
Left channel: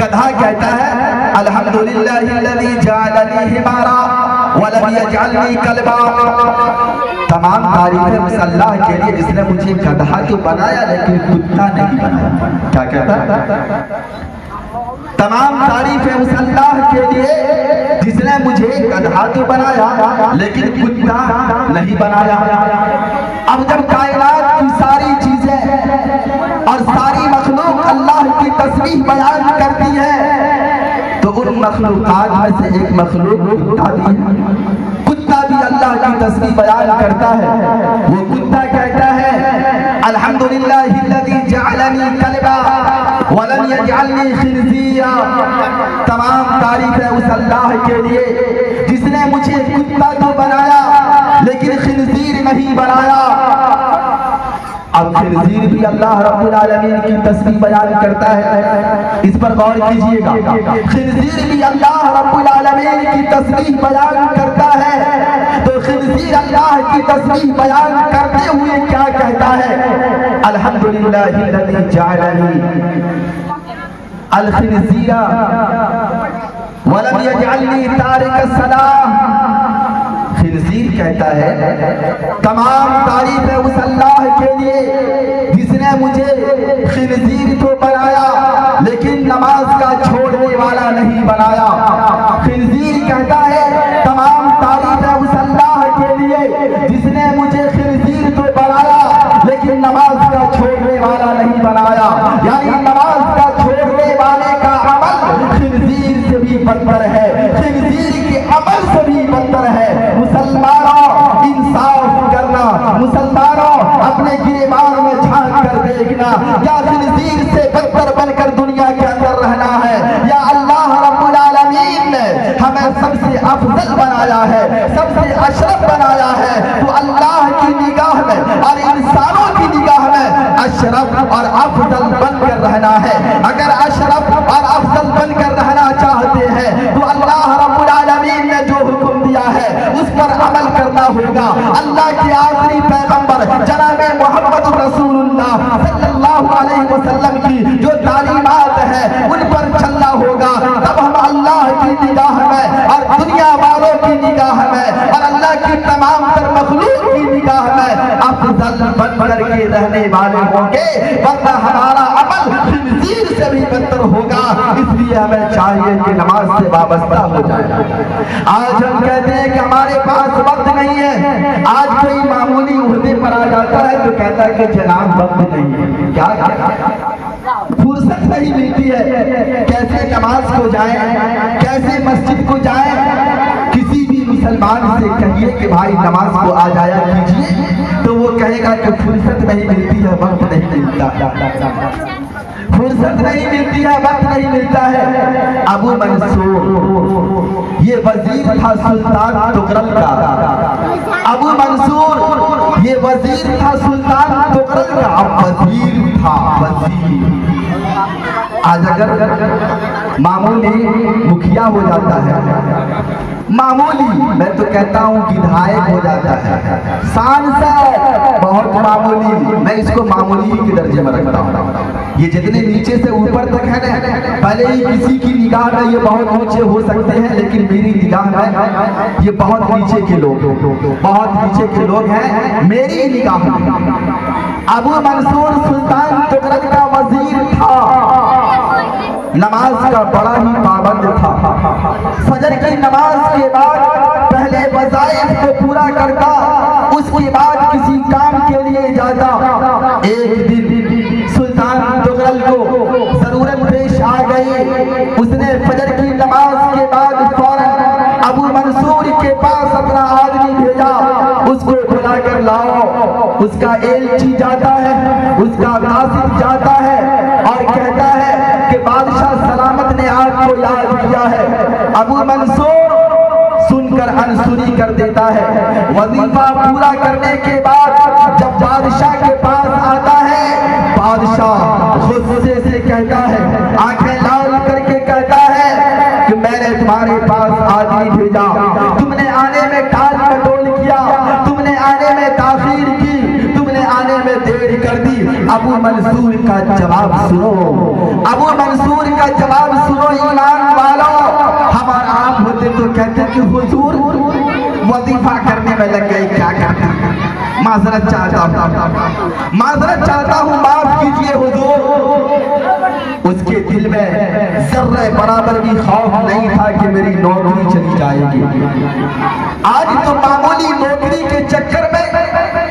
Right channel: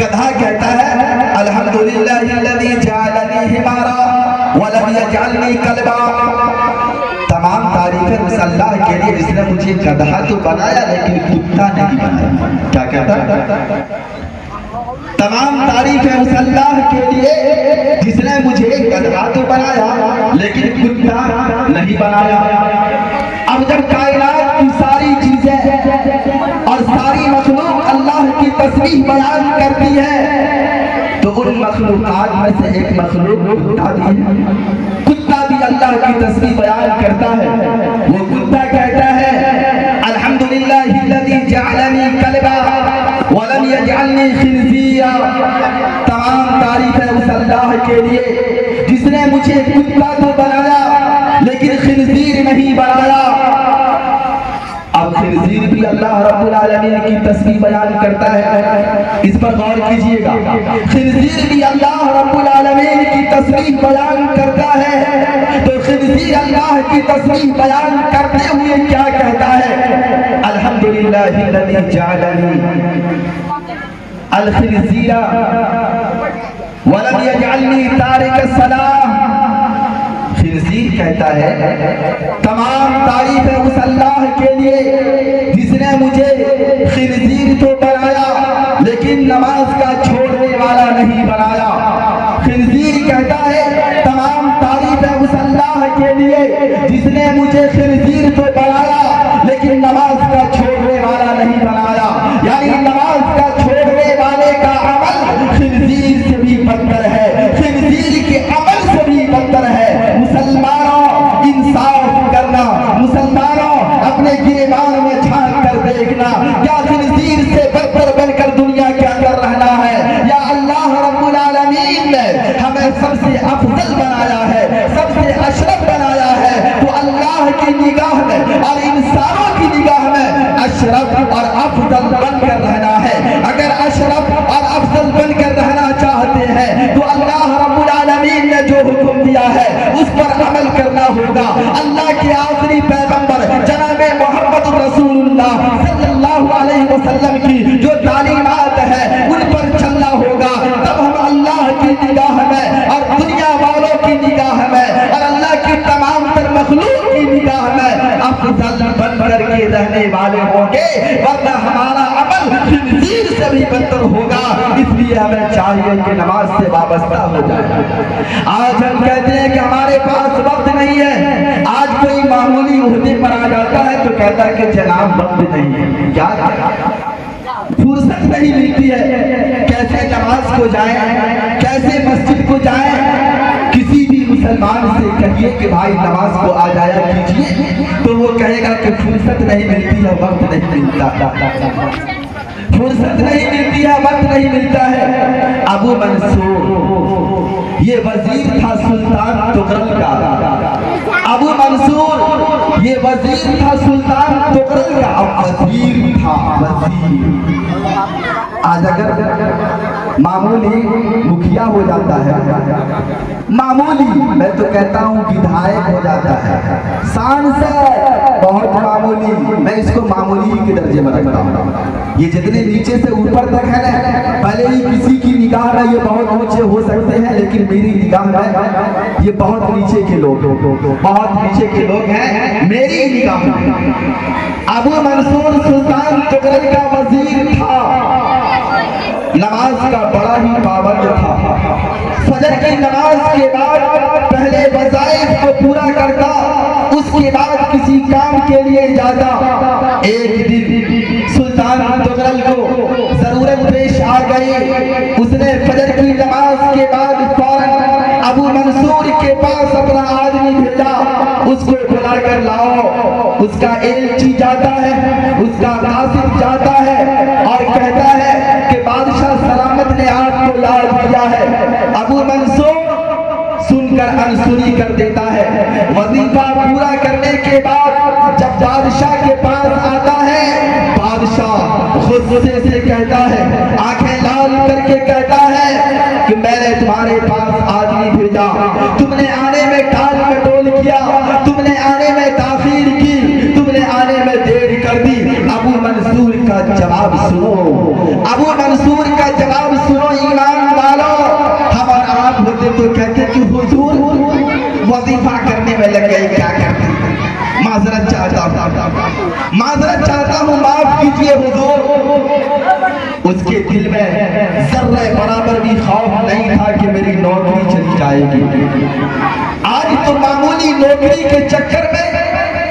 گدھا کہتا ہے الحمدللہ الذی جعلنی حمارا ولم یجعلنی کلبا. تمام تعریفیں اس اللہ کے لیے جس نے مجھے گدھا تو بنایا لیکن کتا نہیں بنایا. کیا کہتا ہے؟ تمام تعریفیں اس اللہ کے لیے جس نے مجھے گدھا تو بنایا لیکن کتا نہیں بنایا. اب جب کائنات کی ساری چیزیں اور ساری مخلوق اللہ کی تسبیح بیان کرتی ہے تو ان مخلوقات میں سے ایک مخلوق کتا بھی ہے. کتا بھی اللہ کی تسبیح بیان کرتا ہے. وہ کتا کہتا ہے الحمدللہ الذی جعلنی کلبا ولم یجعلنی خنزیرا. تمام تعریف ہے اس اللہ کے لیے جس نے مجھے کتا تو بنایا لیکن خنزیر نہیں بنایا. اب خنزیر بھی اللہ رب العالمین کی تسبیح بیان کرتا ہے. اس پر غور کیجئے گا، خنزیر بھی اللہ رب العالمین کی تسبیح بیان کرتا ہے تو خنزیر اللہ کی تسبیح بیان کرتے ہوئے کیا کہتا ہے؟ الحمدللہ الذی جعلنی الخنزیر ولم یجعلنی تارک الصلاۃ کہتا ہے تمام تعریف ہے اس اللہ کے لیے جس نے مجھے خنزیر تو بنایا لیکن نماز کا چھوڑنے والا نہیں بنایا. خنزیر کہتا ہے تمام تعریف ہے اس اللہ کے لیے جس نے مجھے خنزیر تو بنایا لیکن نماز کا چھوڑنے والا نہیں بنایا. یعنی نماز کا چھوڑنے والے کا عمل خنزیر سے بھی بدتر ہے, خنزیر کے عمل سے بھی بدتر ہے. مسلمانوں انصاف کرنا, مسلمانوں اپنے گریبان میں جھانک کر دیکھنا, کیا خنزیر سے بدتر بن کر دنیا کے اندر رہنا ہے یا اللہ رب العالمین نے ہمیں سب سے افضل بنایا ہے, سب سے اشرف بنایا ہے, تو اللہ کی نگاہ میں اور انسانوں کی نگاہ میں اشرف اور افضل بن کر رہنا ہے. اگر اشرف اور افضل بن کر رہنا چاہتے ہیں تو اللہ رب العالمین نے جو حکم دیا ہے اس پر عمل کرنا ہوگا. اللہ کے آخری پیغمبر جناب محمد رسول اللہ صلی اللہ علیہ وسلم کی جو تعلیمات ہے ان پر چلنا ہوگا. تب ہم اللہ کی نگاہ میں اور دنیا والوں کی نگاہ میں اور اللہ کی تمام تر مخلوق کی نگاہ میں افضل بن کر کے رہنے والے ہوں گے, ورنہ ہمارا عمل خنزیر سے بھی بدتر ہوگا. اس لیے ہمیں چاہیے کہ نماز سے وابستہ ہو جائے. آج ہم کہتے ہیں کہ ہمارے پاس وقت نہیں ہے. آج کوئی معمولی عہدے پر آ جاتا ہے تو کہتا ہے کہ جناب وقت نہیں ہے. کیا فرصت نہیں ملتی ہے, کیسے نماز کو جائیں, کیسے مسجد کو جائیں. کسی بھی مسلمان سے کہیے کہ بھائی نماز کو آ جایا کیجیے تو وہ کہے گا کہ فرصت نہیں ملتی ہے, وقت نہیں ملتا, فرصت نہیں ملتی ہے, وقت نہیں ملتا ہے. ابو منصور یہ وزیر تھا سلطان تغرل کا, ابو منصور یہ وزیر تھا سلطان تغرل کا, وزیر تھا وزیر. آج اگر معمولی مکھیا ہو جاتا ہے, معمولی میں تو کہتا ہوں بدھائک ہو جاتا ہے, سانسد بہت معمولی, میں اس کو معمولی کے درجے میں رکھتا ہوں. یہ جتنے نیچے سے اوپر تک ہے نا, پہلے ہی کسی کی نگاہ میں یہ بہت اونچے ہو سکتے ہیں لیکن میری نگاہ میں یہ بہت نیچے کے لوگ, بہت نیچے کے لوگ ہیں میری نگاہ میں. ابو منصور سلطان تغرل کا وزیر تھا, نماز کا بڑا ہی پابند تھا. فجر کی نماز کے بعد پہلے وظائف کو پورا کرتا, اس کے بعد کسی کام کے لیے جاتا. ایک دن سلطان تغرل کو ضرورت پیش آ گئی, اس نے فجر کی نماز کے بعد فوراً ابو منصور کے پاس اپنا آدمی بھیجا, اس کو بلا کر لاؤ. اس کا ایلچی جاتا ہے, اس کا قاصد جاتا ہے اور کہتا ہے کہ بادشاہ سلامت نے آپ کو یاد کیا ہے. ابو منصور سن کر انصری کر دیتا ہے. وظیفہ پورا کرنے کے بعد جب بادشاہ کے پاس آتا ہے, بادشاہ غصے سے کہتا ہے, آنکھیں لال کر کے کہتا ہے کہ میں نے تمہارے پاس آدمی بھیجا, تم نے آنے میں ٹال مٹول کیا, تم نے آنے میں تاخیر کی, تم نے آنے میں دیر کر دی. ابو منصور کا جواب سنو, ابو منصور کا جواب سنو ایمان والو. ہم اور آپ ہوتے تو کہتے کہ حضور وظیفہ کرنے میں لگ گئے, کیا کرتے, معذرت چاہتا ہوں, معذرت چاہتا ہوں, معاف کیجئے حضور. اس کے دل میں ذرہ برابر بھی خوف نہیں تھا کہ میری نوکری چلی جائے گی. آج تو معمولی نوکری کے چکر میں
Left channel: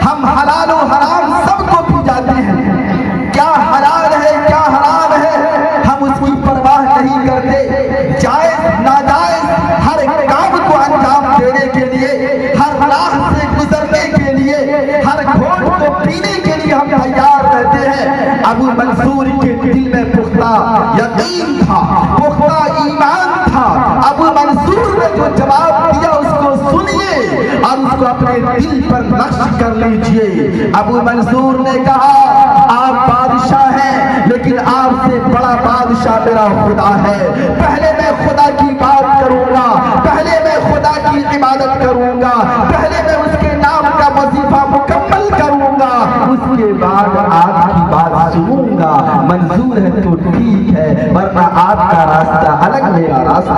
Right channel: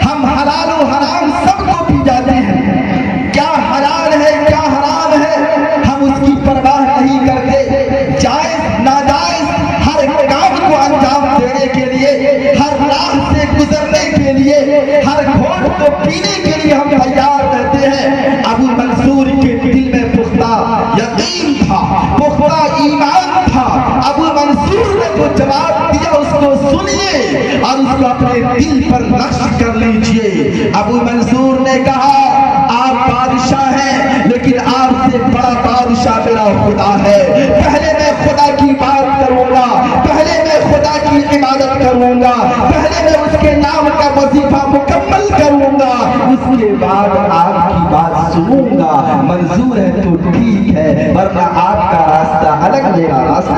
ہم حلال و حرام سب کو پی جاتے ہیں. کیا حلال ہے کیا حرام ہے ہم اس کی پرواہ نہیں کرتے. جائز ناجائز ہر کام کو انجام دینے کے لیے, ہر راہ سے گزرنے کے لیے, ہر گھونٹ کو پینے کے لیے ہم تیار رہتے ہیں. ابو منصور کے دل میں پختہ یقین تھا, پختہ ایمان تھا. ابو منصور نے جو جواب دیا اس کو سنیے اور اس کو اپنے دل پر نقش کر لیجئے. ابو منصور نے کہا آپ بادشاہ ہیں لیکن آپ سے بڑا بادشاہ میرا خدا ہے. پہلے میں خدا کی بات کروں گا, پہلے میں خدا کی عبادت کروں گا, پہلے میں اس کے نام کا وظیفہ مکمل کروں گا, اس کے بعد آپ کی بات سنوں گا. منظور ہے تو ٹھیک ہے, ورنہ آپ کا راستہ الگ, میرا راستہ.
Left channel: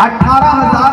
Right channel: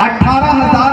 18,000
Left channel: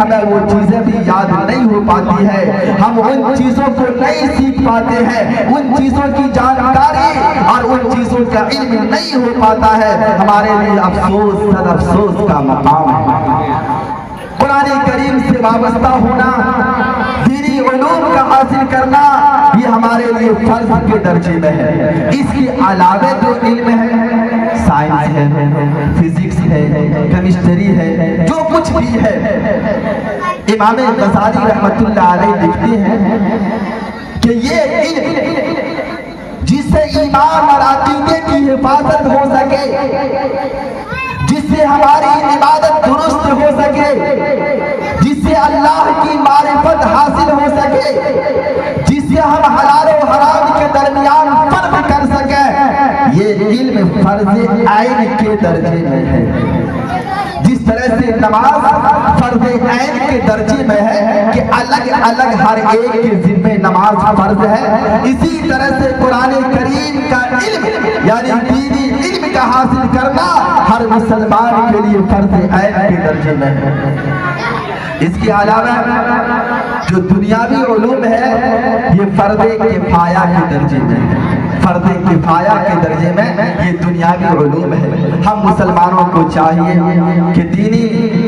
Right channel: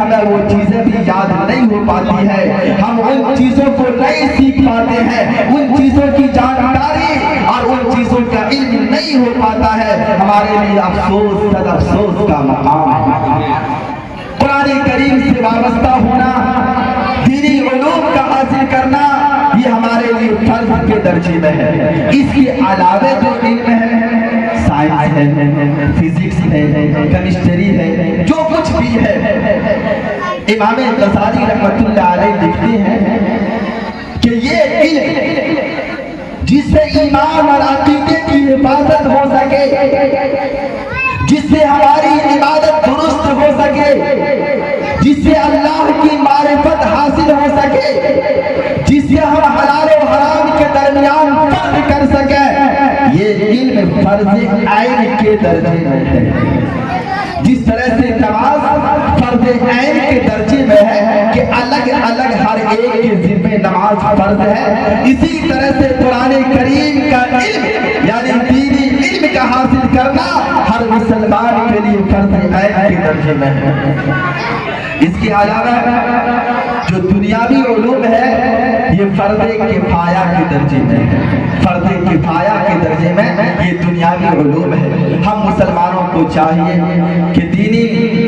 ہمیں وہ چیزیں بھی یاد نہیں ہو پاتی ہے، ہم ان چیزوں کو نہیں سیکھ پاتے ہیں، ان چیزوں کی جانکاری اور ان چیزوں کا علم نہیں ہو پاتا ہے، ہمارے لیے افسوس صد افسوس کا مقام ہے۔ قرآن کریم سے وابستہ ہونا، دینی علوم کا حاصل کرنا، یہ ہمارے لیے فرض کے درجے میں ہے۔ اس کے علاوہ جو علم ہے، سائنس ہے، فزکس ہے، کیمسٹری ہے، جو کچھ بھی ہے، امام غزالی رحمۃ اللہ علیہ لکھتے ہیں کہ یہ علم جس سے ایمان اور عقیدے کی حفاظت ہو سکے، جس سے ہماری عبادت درست ہو سکے، جس سے اللہ کی معرفت حاصل ہو سکے، جس سے ہم حلال و حرام کے درمیان فرق کر سکیں، یہ علم فرض عین کے درجے میں ہے۔ جس طرح سے نماز فرض عین کے درجے میں ہے کہ الگ الگ ہر ایک کے ذمہ نماز فرض ہے، اسی طرح سے قرآن کریم کا علم یعنی دینی علم کا حاصل کرنا ہر مسلمان کے لیے فرض عین کے درجے میں ہے۔ اس کے علاوہ جو دنیاوی علوم ہے یہ فرض کفایہ کے درجے میں ہے، فرض کفایہ کے درجے میں یہ دنیاوی علوم ہے۔ ہم مسلمانوں کو چاہیے کہ دینی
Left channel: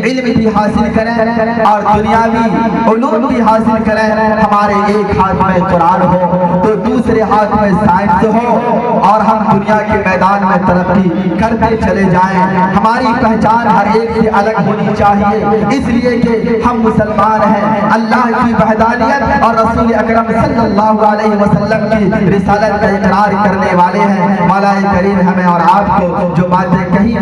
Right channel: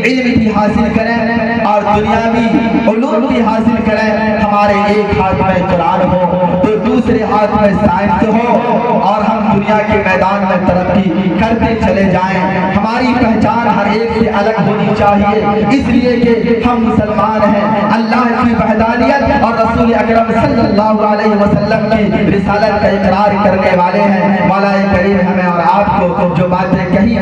علم بھی حاصل کریں اور دنیاوی علوم بھی حاصل کریں۔ ہمارے ایک ہاتھ میں قرآن ہو تو دوسرے ہاتھ میں سائنس ہو اور ہم دنیا کے میدان میں ترقی کرتے چلے جائیں۔ ہماری پہچان ہر ایک سے الگ ہونی چاہیے، اس لیے کہ ہم مسلمان ہیں، اللہ کی وحدانیت اور رسول اکرم صلی اللہ علیہ وسلم کی رسالت کا اقرار کرنے والے ہیں۔ مولا کریم ہمیں اور آپ کو جو باتیں کہی